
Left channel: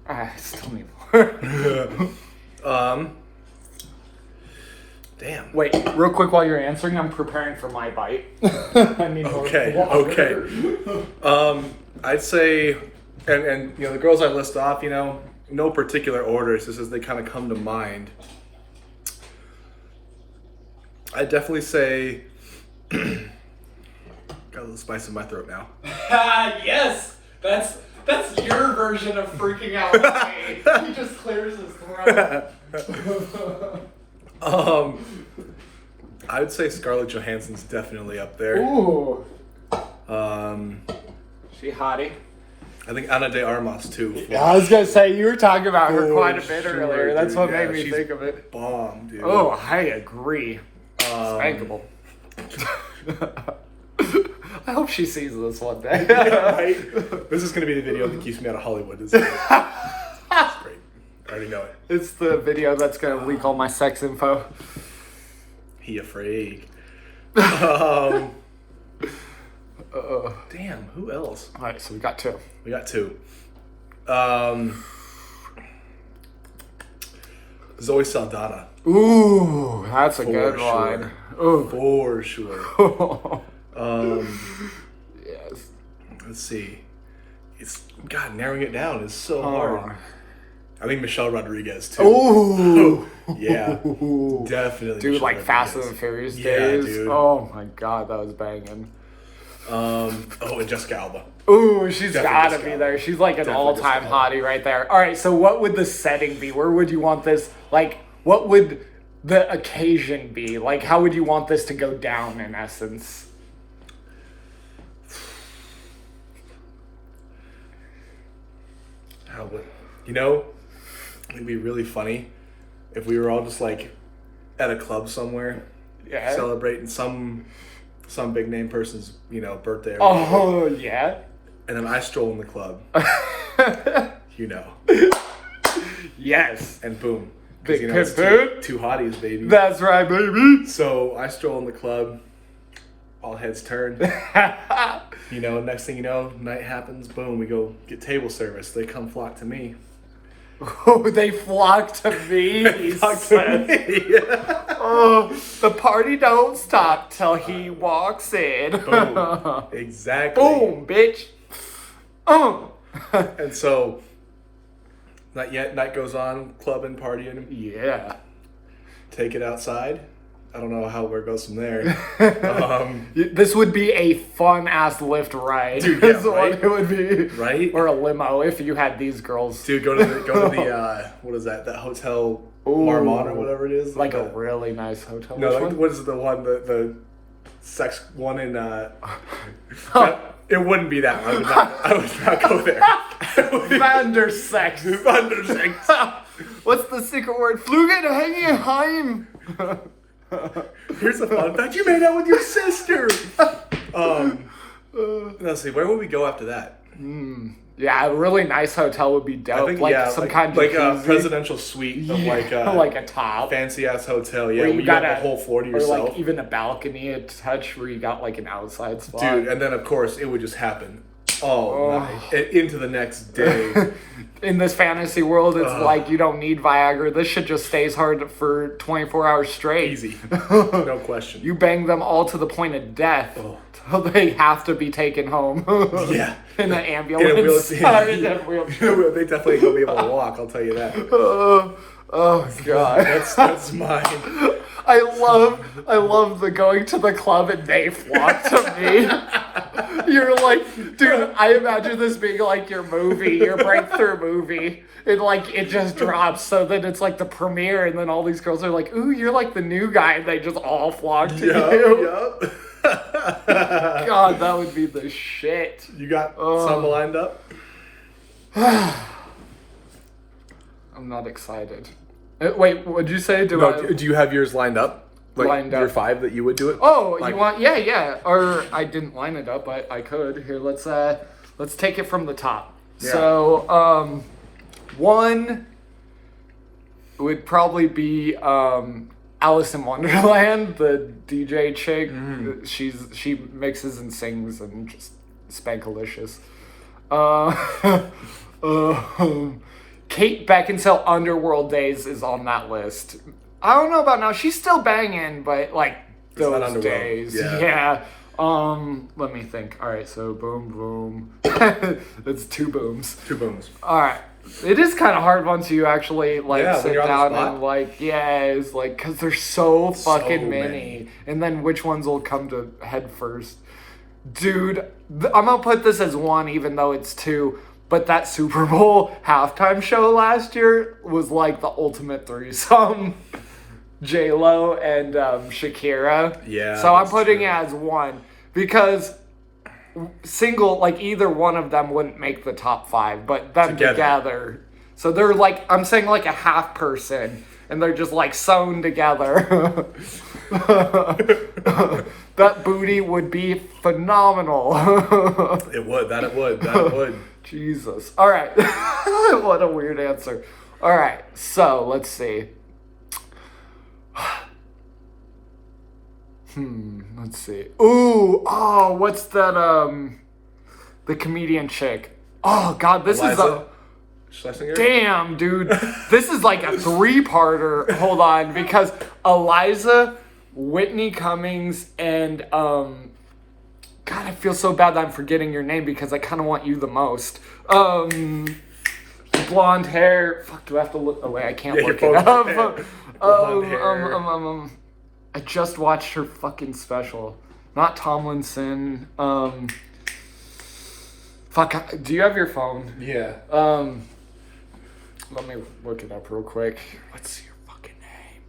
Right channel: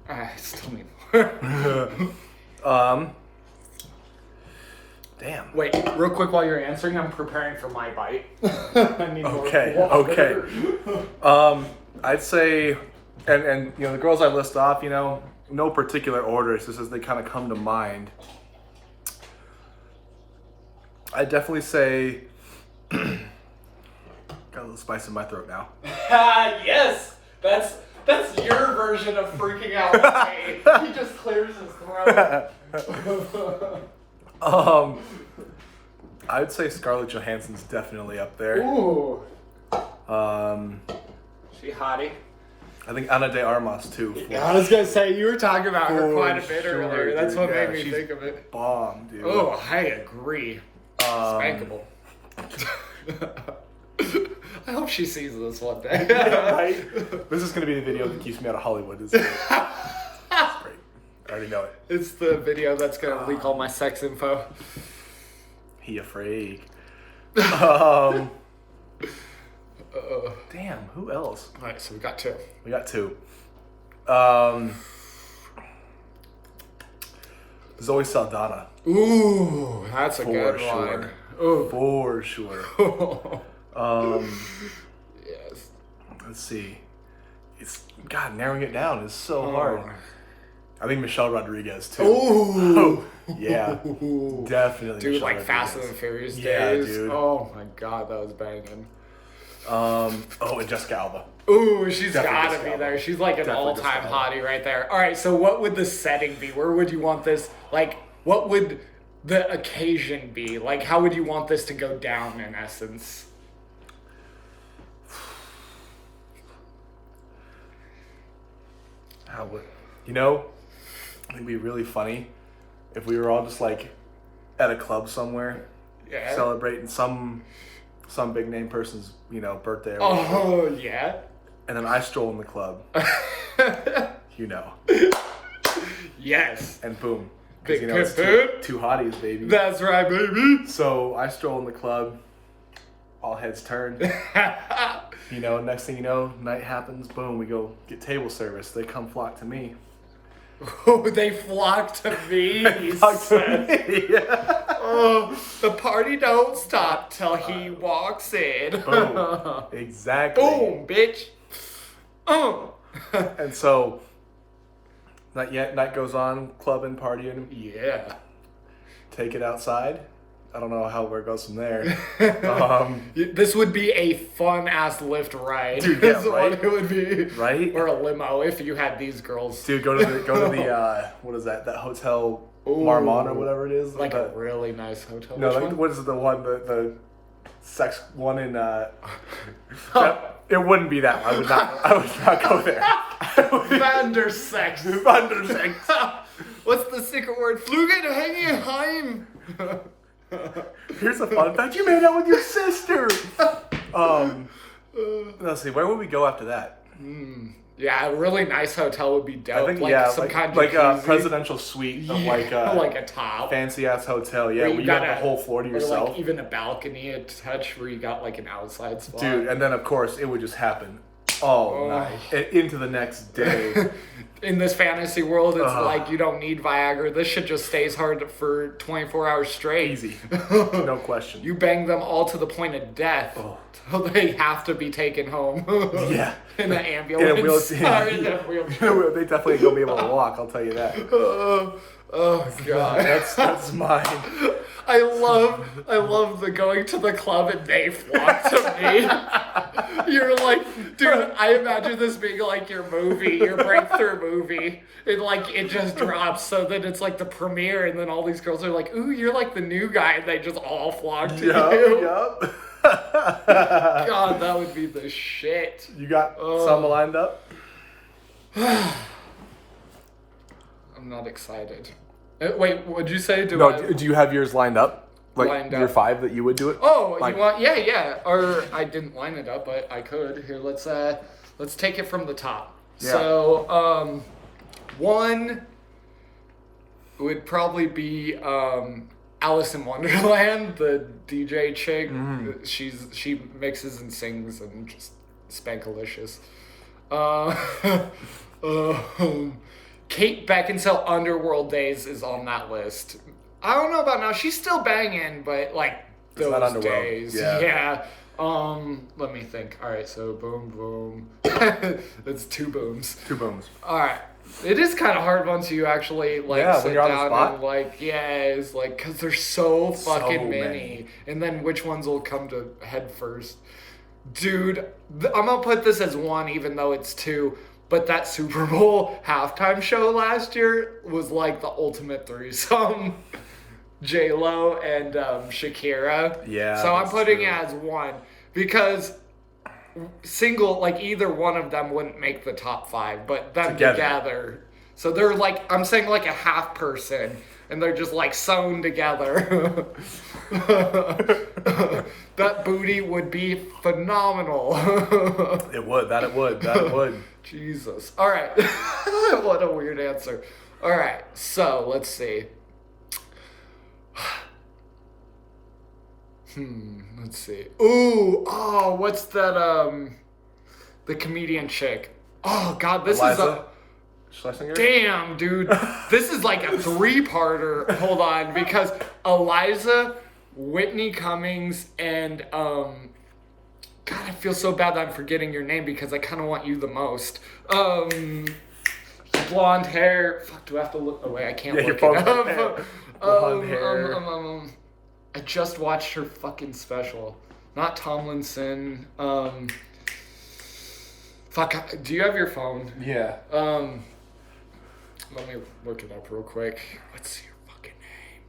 I still need more. Damn. Wait, real quick while you're answering, I'm preparing for my bite. I need more water. Okay. I'd say, and the girls I list off, no particular order, it's just as they kind of come to mind. I'd definitely say, got a little spice in my throat now. Yes, that's your version of freaking out. He just clears his throat. I would say Scarlett Johansson's definitely up there. Ooh. She hottie. I think Ana de Armas too. I was gonna say you were talking about her quite a bit sure, earlier. That's dude. what Yeah, made me she's think of it. Bomb, dude. Oh, I agree. Spankable. I hope she sees this one day. Right? This is gonna be the video that keeps me out of Hollywood. It's great. I already know it. It's the video that's gonna leak all my sex info. He afraid. Damn, who else? All right, so we got 2. We got 2. Zoe Saldana. Ooh, that's a For good sure. one. Ooh. For sure. Yes. Let's see. God, narrowing it down is so hard. I think Michelle Rodriguez too. Ooh. Yeah, definitely. Dude, Michelle like Fast and Rodriguez. the Furious Yeah, days. dude. Oh my god, that was banging. And Jessica Alba. Ooh, she's Definitely gotta Jessica be Alba. there. She's like an Definitely all-time Jessica Alba. hottie right there. All right, so what would the setting be? Where would you want this? Like, what would the occasion be? Like, how would you want this to go down in essence? How would it'd be really funny if we were all just like at a club somewhere Yeah. celebrating some big name person's birthday or whatever. Oh yeah. And then I stroll in the club. Yes. And boom. 'Cause, Big it's pip two hotties, baby. That's right, baby. So I stroll in the club, all heads turned. Next thing you know, night happens, boom, we go get table service. They come flock to me. Oh, they flock to me. He said. Oh, the party don't stop till he walks in. Boom. Exactly. Boom, bitch. And so, night goes on, clubbing, partying. Yeah. Take it outside. I don't know where it goes from there. This would be a fun ass lift ride. Dude, yeah, is what right? it would be. Right? Or a limo if you had these girls. Dude, go to the what is that? That hotel Marmont or whatever it is. Like a really nice hotel. No, Which like, one? what is the one the sex one in it wouldn't be that one. I would not go there. Vandersex. Vandersex. What's the secret word? Flugenheim. Here's a fun fact. You made out with your sister. Let's see. Where would we go after that? Yeah, a really nice hotel would be dope. I think, like yeah, some like, kind of like a jacuzzi. presidential suite of like a top. fancy ass hotel. Yeah, Where where you got the whole floor to or yourself. like even a balcony attached where you got like an outside spot. Dude, and then of course it would just happen all night into the next day. In this fantasy world, it's like you don't need Viagra. This shit just stays hard for 24 hours straight. Easy, no question. You bang them all to the point of death. Till they have to be taken home. Yeah. In an ambulance. In a wheelchair. They definitely ain't gonna be able to walk. I'll tell you that. Oh god. That's mine. I love the going to the club and they flock to me. You're like, dude, I imagine this being like your movie, your breakthrough movie. And like it just drops, so then it's like the premiere, and then all these girls are like, ooh, you're like the new guy, and they just all flock to you. Yup. God, that would be the shit. You got some lined up? I'm not excited. Wait, what'd you say? Do you have yours lined up? Like Lined your up. 5 that you would do it? Oh, Like- you want? Yeah. Or I didn't line it up, but I could. Here, let's take it from the top. Yeah. So, one would probably be Alice in Wonderland, the DJ chick. She mixes and sings and just spankalicious. Kate Beckinsale Underworld Days is on that list. I don't know about now. She's still banging, but like not those Underworld. days. Yeah. Let me think. All right, so boom, boom. That's 2 booms. 2 booms. All right. It is kind of hard once you actually like Yeah, when sit you're on the down spot. and like, it's like, because there's so fucking many. many. And then which ones will come to head first? Dude, I'm gonna put this as 1 even though it's 2. But that Super Bowl halftime show last year was like the ultimate threesome. J-Lo and Shakira. Yeah, So I'm that's putting true. it as 1 because single, like either one of them wouldn't make the top 5, but them together. So they're like, I'm saying like a half person, and they're just like sewn together. That booty would be phenomenal. It would. Jesus. All right. What a weird answer. All right. So let's see. Let's see. Ooh. Oh, what's that? The comedian chick. Oh God, this Eliza is Schlesinger? damn, dude. This is like a 3-parter. Hold on, because Eliza, Whitney Cummings, and God, I feel so bad that I'm forgetting your name because I kind of want you the most. Blonde hair. Fuck, do I have to look? Oh wait, I can't look it up. Blonde hair. I just watched her fucking special. Not Tomlinson. Fuck, do you have your phone? Yeah. Let me look it up real quick. What's your fucking name?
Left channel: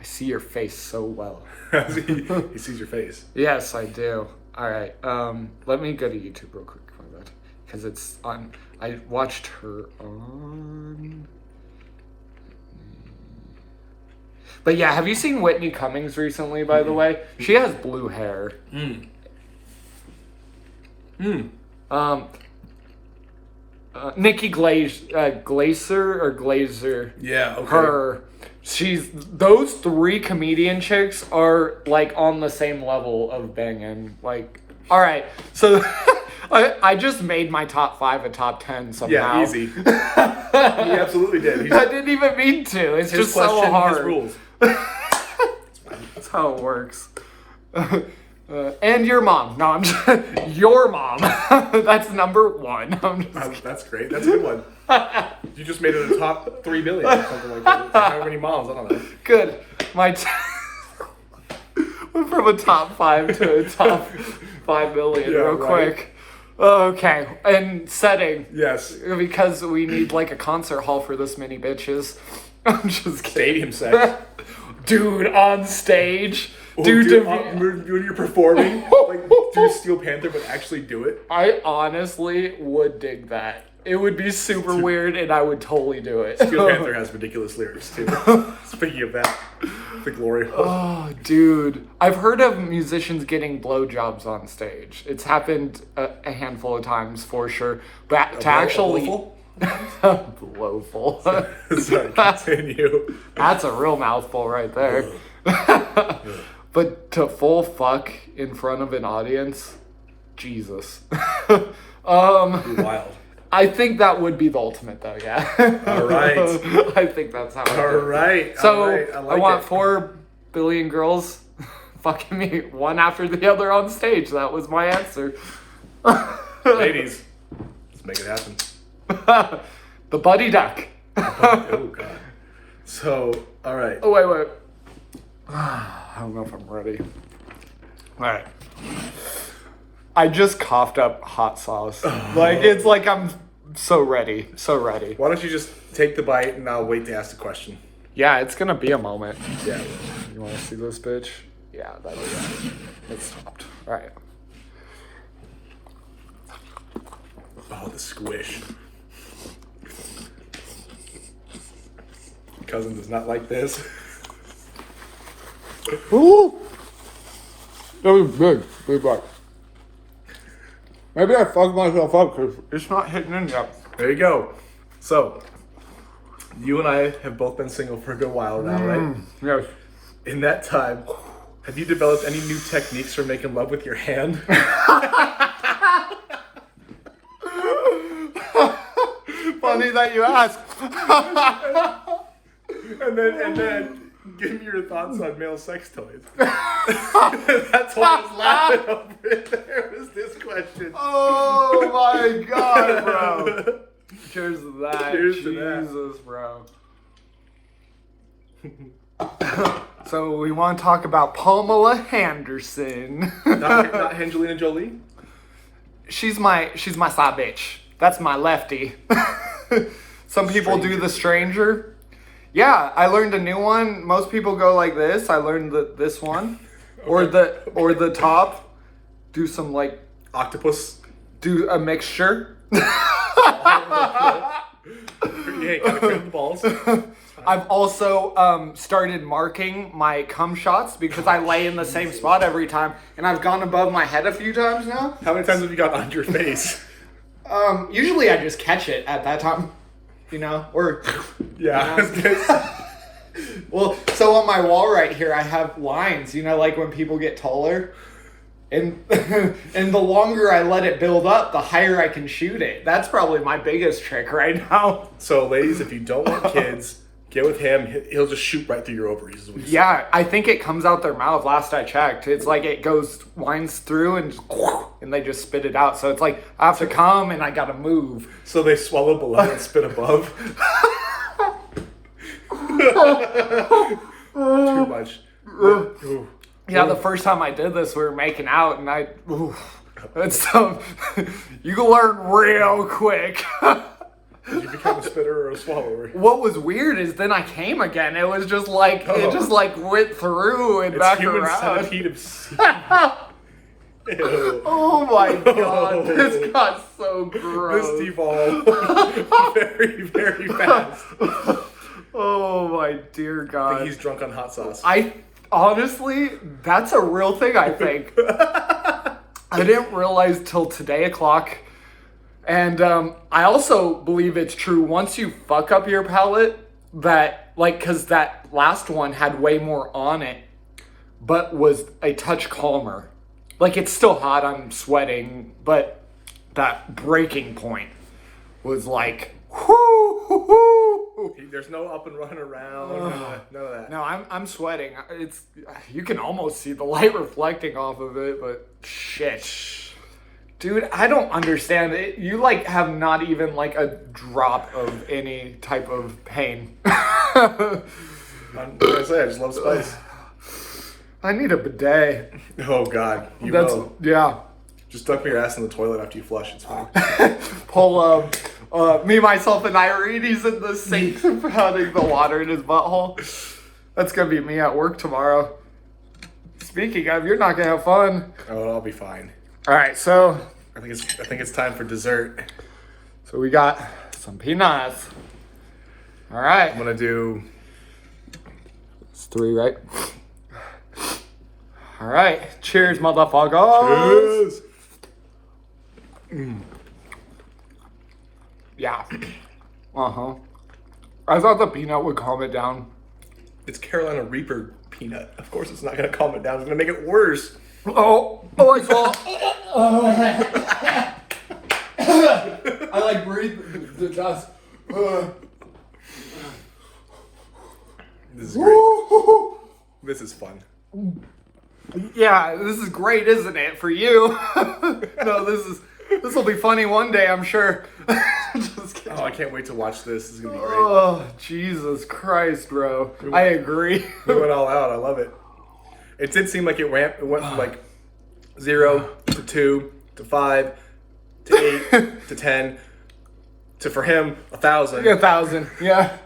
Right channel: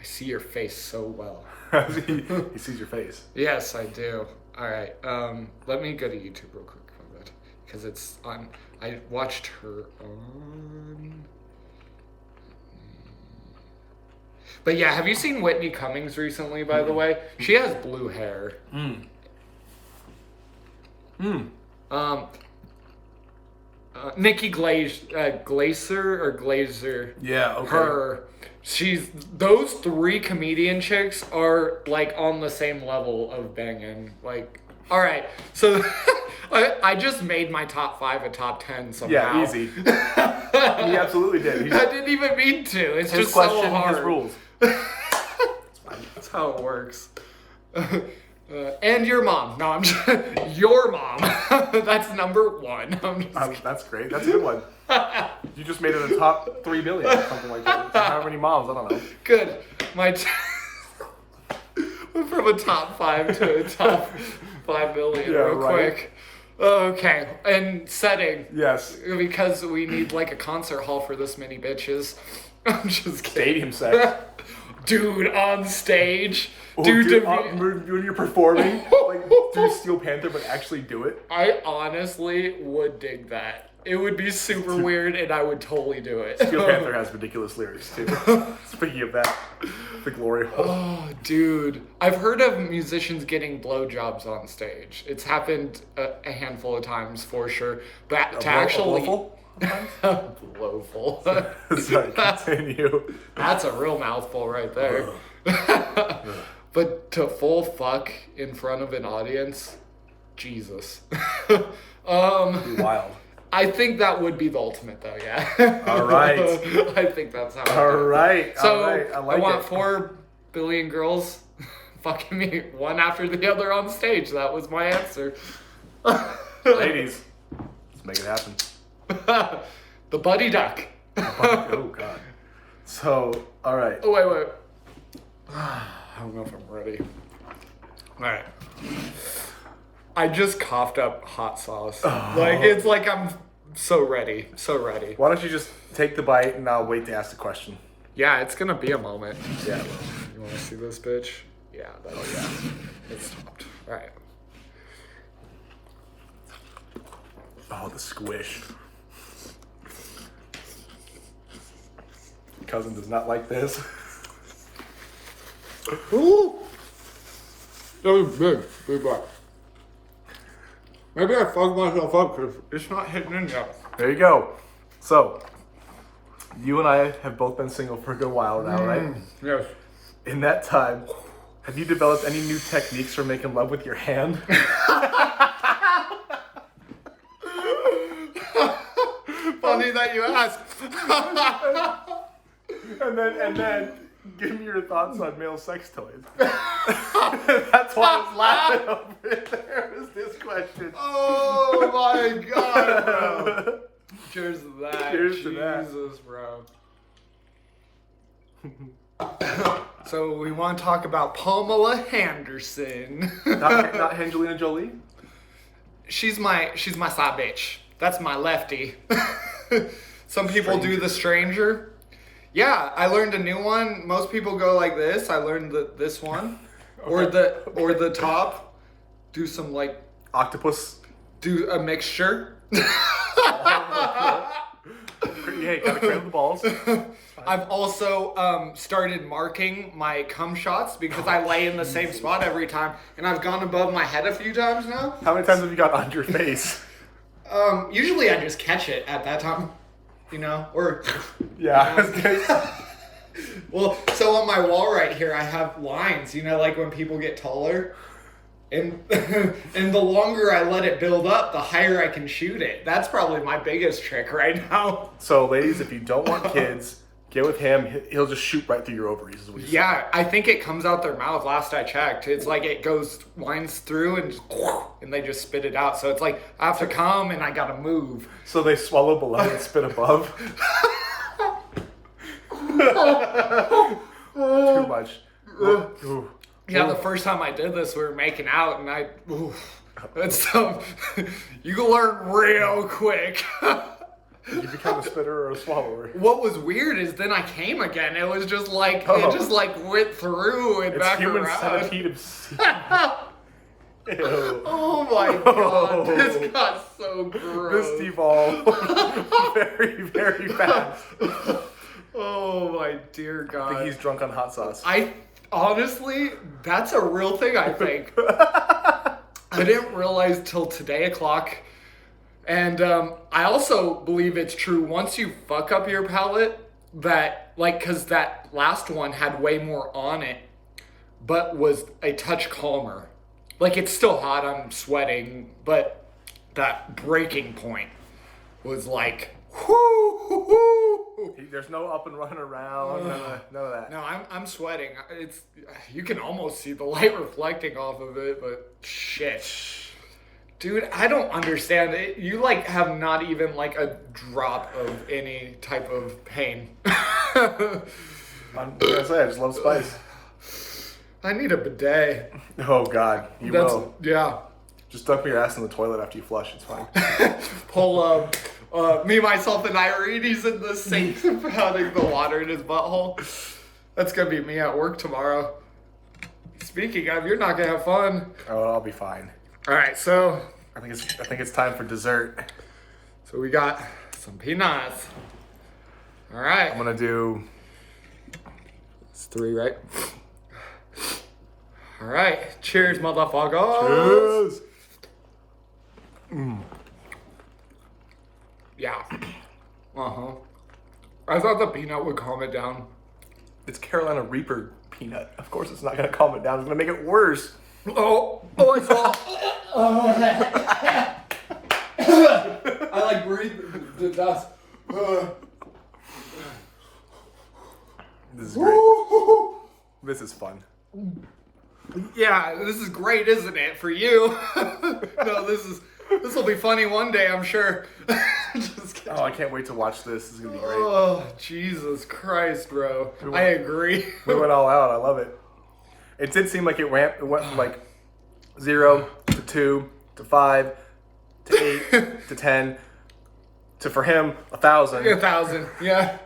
I see your face so well. He sees your face. Yes, I do. All right. Let me go to YouTube real quick for that because it's on. I watched her on. But yeah, have you seen Whitney Cummings recently? By the way, she has blue hair. Nikki Glaser or Glazer. Yeah, okay. Her. Those 3 comedian chicks are like on the same level of banging. Like, all right, so I just made my top 5 a top 10 somehow. Yeah, easy. He absolutely did. I didn't even mean to. It's His just so question, hard. his rules. That's how it works. And your mom. No, I'm just... Your mom. That's number 1. I'm just... That's great. That's a good one. You just made it a top 3 million or something like that. How many moms? I don't know. Good. Went from a top 5 to a top 5 million real right. quick. Okay. And setting. Yes. Because we need like a concert hall for this many bitches. I'm just kidding. Stadium sex. Dude, on stage. Oh, Dude, when you're performing, like, do Steel Panther, but actually do it. I honestly would dig that. It would be super weird, and I would totally do it. Steel Panther has ridiculous lyrics, too. Speaking of that, the glory hole. Oh, dude. I've heard of musicians getting blowjobs on stage. It's happened a handful of times, for sure. But to actually... Blowful. Sorry, continue. That's a real mouthful right there. But to full fuck in front of an audience, Jesus. Wild. I think that would be the ultimate, though. Yeah. All right. I think that's how. All right. So all right. I want 4 billion girls fucking me one after the other on stage. That was my answer. Ladies, let's make it happen. The buddy duck. Oh God. So, all right. Oh wait. I don't know if I'm ready. All right. I just coughed up hot sauce. Like, it's like I'm so ready. So ready. Why don't you just take the bite and I'll wait to ask the question. Yeah, it's gonna be a moment. Yeah. You wanna see this bitch? Yeah, it's stopped. All right. Oh, the squish. Cousin does not like this. Ooh! That was big. Big bite. Maybe I fucked myself up because it's not hitting in yet. There you go. So, you and I have both been single for a good while now, right? Yes. In that time, have you developed any new techniques for making love with your hand? Funny that you ask. and then give me your thoughts on male sex toys. That's why I was laughing over it. There was this question. Oh my God, bro. Cheers to that. Cheers to that. Jesus, bro. So we want to talk about Pamela Henderson. Not Angelina Jolie? She's my side bitch. That's my lefty. Some people do the stranger. Yeah, I learned a new one. Most people go like this. I learned this one. Okay. Or the top. Do some like octopus. Do a mixture. Hey, gotta clean the balls. I've also started marking my cum shots because I lay in the same spot every time, and I've gone above my head a few times now. How many times have you got on your face? Usually I just catch it at that time, you know, or yeah. You know? Well, so on my wall right here, I have lines, you know, like when people get taller, and and the longer I let it build up, the higher I can shoot it. That's probably my biggest trick right now. So, ladies, if you don't want kids, get with him. He'll just shoot right through your ovaries. Is what you Yeah, I think it comes out their mouth. Last I checked, it's like it winds through and they just spit it out. So it's like I have to come and I gotta move. So they swallow below and spit above. Too much. Ooh. Yeah, the first time I did this, we were making out, and it's you can learn real quick. Did you become a spitter or a swallower? What was weird is then I came again. It was just like it just like went through and back around. Ew. Oh my God, this got so gross. This devolved very, very fast. Oh my dear I God. think he's drunk on hot sauce. Honestly, that's a real thing, I think. I didn't realize till today o'clock. And I also believe it's true once you fuck up your palate that, like, because that last one had way more on it, but was a touch calmer. Like, it's still hot, I'm sweating, but that breaking point was like, whoo. There's no up and run around. None of that. No, I'm sweating. You can almost see the light reflecting off of it, but shit. Dude, I don't understand it. You like have not even like a drop of any type of pain. I just love spice. I need a bidet. Oh God, Yeah. Just dump your ass in the toilet after you flush. It's fine. Pull me, myself, and Irene's in the sink putting the water in his butthole. That's gonna be me at work tomorrow. Speaking of, you're not gonna have fun. Oh, I'll be fine. All right, so I think it's time for dessert. So we got some peanuts. All right. I'm gonna do. It's 3, right? All right. Cheers, motherfuckers. Cheers. Yeah. I thought the peanut would calm it down. It's Carolina Reaper peanut. Of course, it's not gonna calm it down. It's gonna make it worse. Oh, I saw. I like breathe the dust. This is great. This is fun. Yeah, this is great, isn't it, for you? No, this will be funny one day, I'm sure. Just kidding. Oh, I can't wait to watch this. This is gonna be great. Oh, Jesus Christ, bro. I agree. We went all out. I love it. It did seem like it went from like 0 to 2 to 5 to 8 to 10 to, for him, 1,000. 1,000, yeah.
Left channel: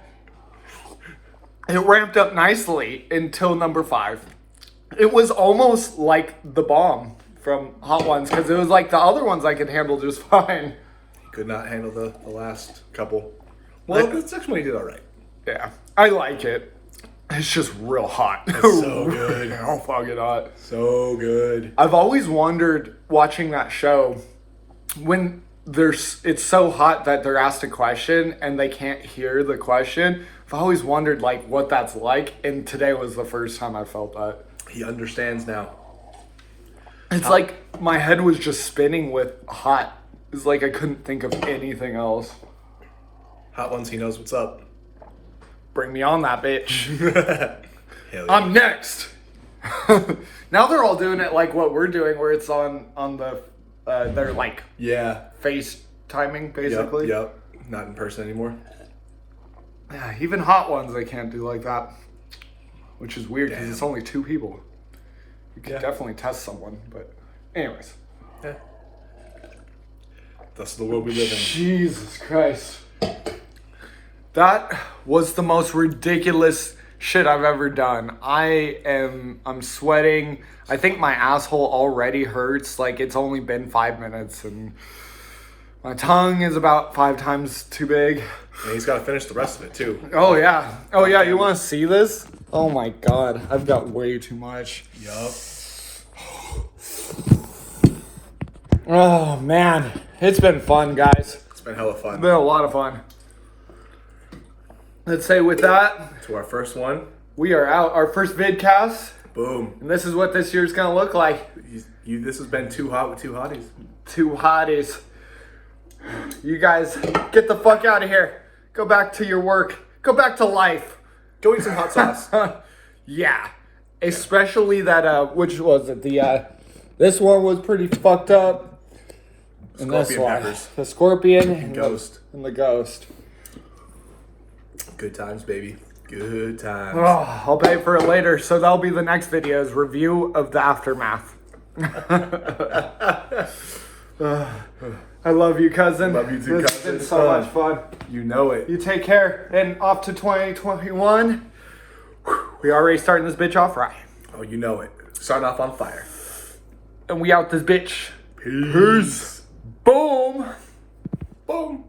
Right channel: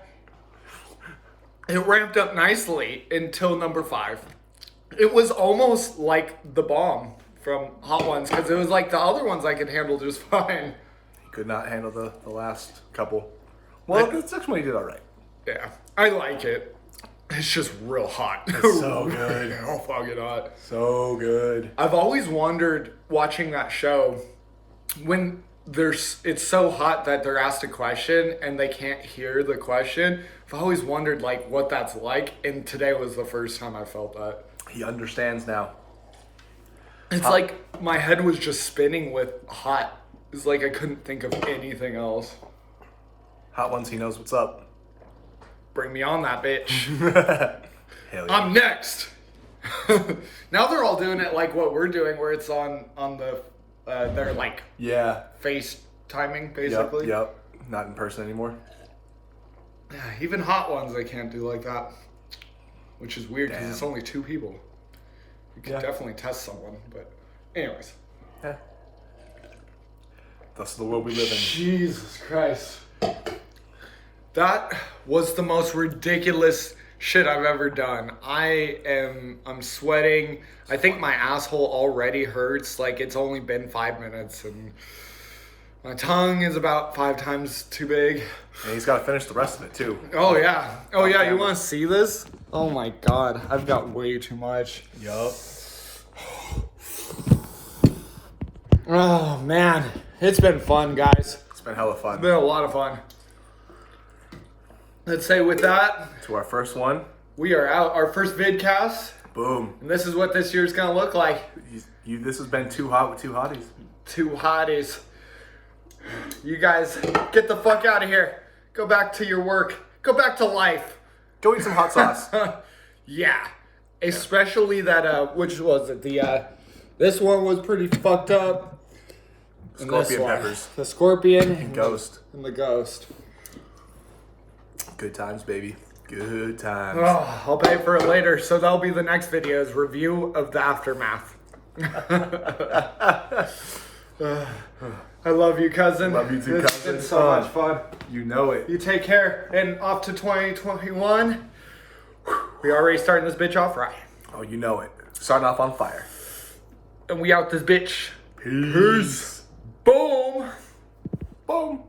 It ramped up nicely until number 5. It was almost like the bomb from Hot Ones, because it was like the other ones I could handle just fine. Could not handle the last couple. Well, this next one he did all right. Yeah, I like it. It's just real hot. It's so good. Real fucking hot. So good. I've always wondered, watching that show, when it's so hot that they're asked a question and they can't hear the question. I've always wondered like what that's like, and today was the first time I felt that. He understands now. It's like my head was just spinning with hot. It's like I couldn't think of anything else. Hot Ones, he knows what's up. Bring me on that bitch. Hell yeah. I'm next. Now they're all doing it like what we're doing, where it's on the their like face timing basically. Yep. Not in person anymore. Yeah, even Hot Ones they can't do like that, which is weird because it's only 2 people. You could definitely test someone, but anyways. Yeah. That's the world we live in. Jesus Christ. That was the most ridiculous shit I've ever done. I'm sweating. I think my asshole already hurts. Like, it's only been 5 minutes and my tongue is about 5 times too big. And he's got to finish the rest of it too. Oh yeah. Oh yeah, you want to see this? Oh my God, I've got way too much. Yup. Oh man, it's been fun, guys. It's been hella fun. It's been a lot of fun. Let's say with that, To our first one. we are out. Our first vidcast, Boom. and this is what this year's gonna look like. This has been Too Hot with 2 Hotties. 2 hotties. You guys, get the fuck out of here. Go back to your work. Go back to life. Go eat some hot sauce. Yeah. Especially that, which was it? This one was pretty fucked up. And this Scorpion one, peppers. the scorpion and Ghost. and the ghost. Good times, baby. Good times. Oh, I'll pay for it later. So that'll be the next video's review of the aftermath. I love you, cousin. Love you too, This cousin. has been so much fun. You know it. You take care. And off to 2021. We already starting this bitch off right. Oh, you know it. Starting off on fire. And we out this bitch. Peace. Boom. Boom.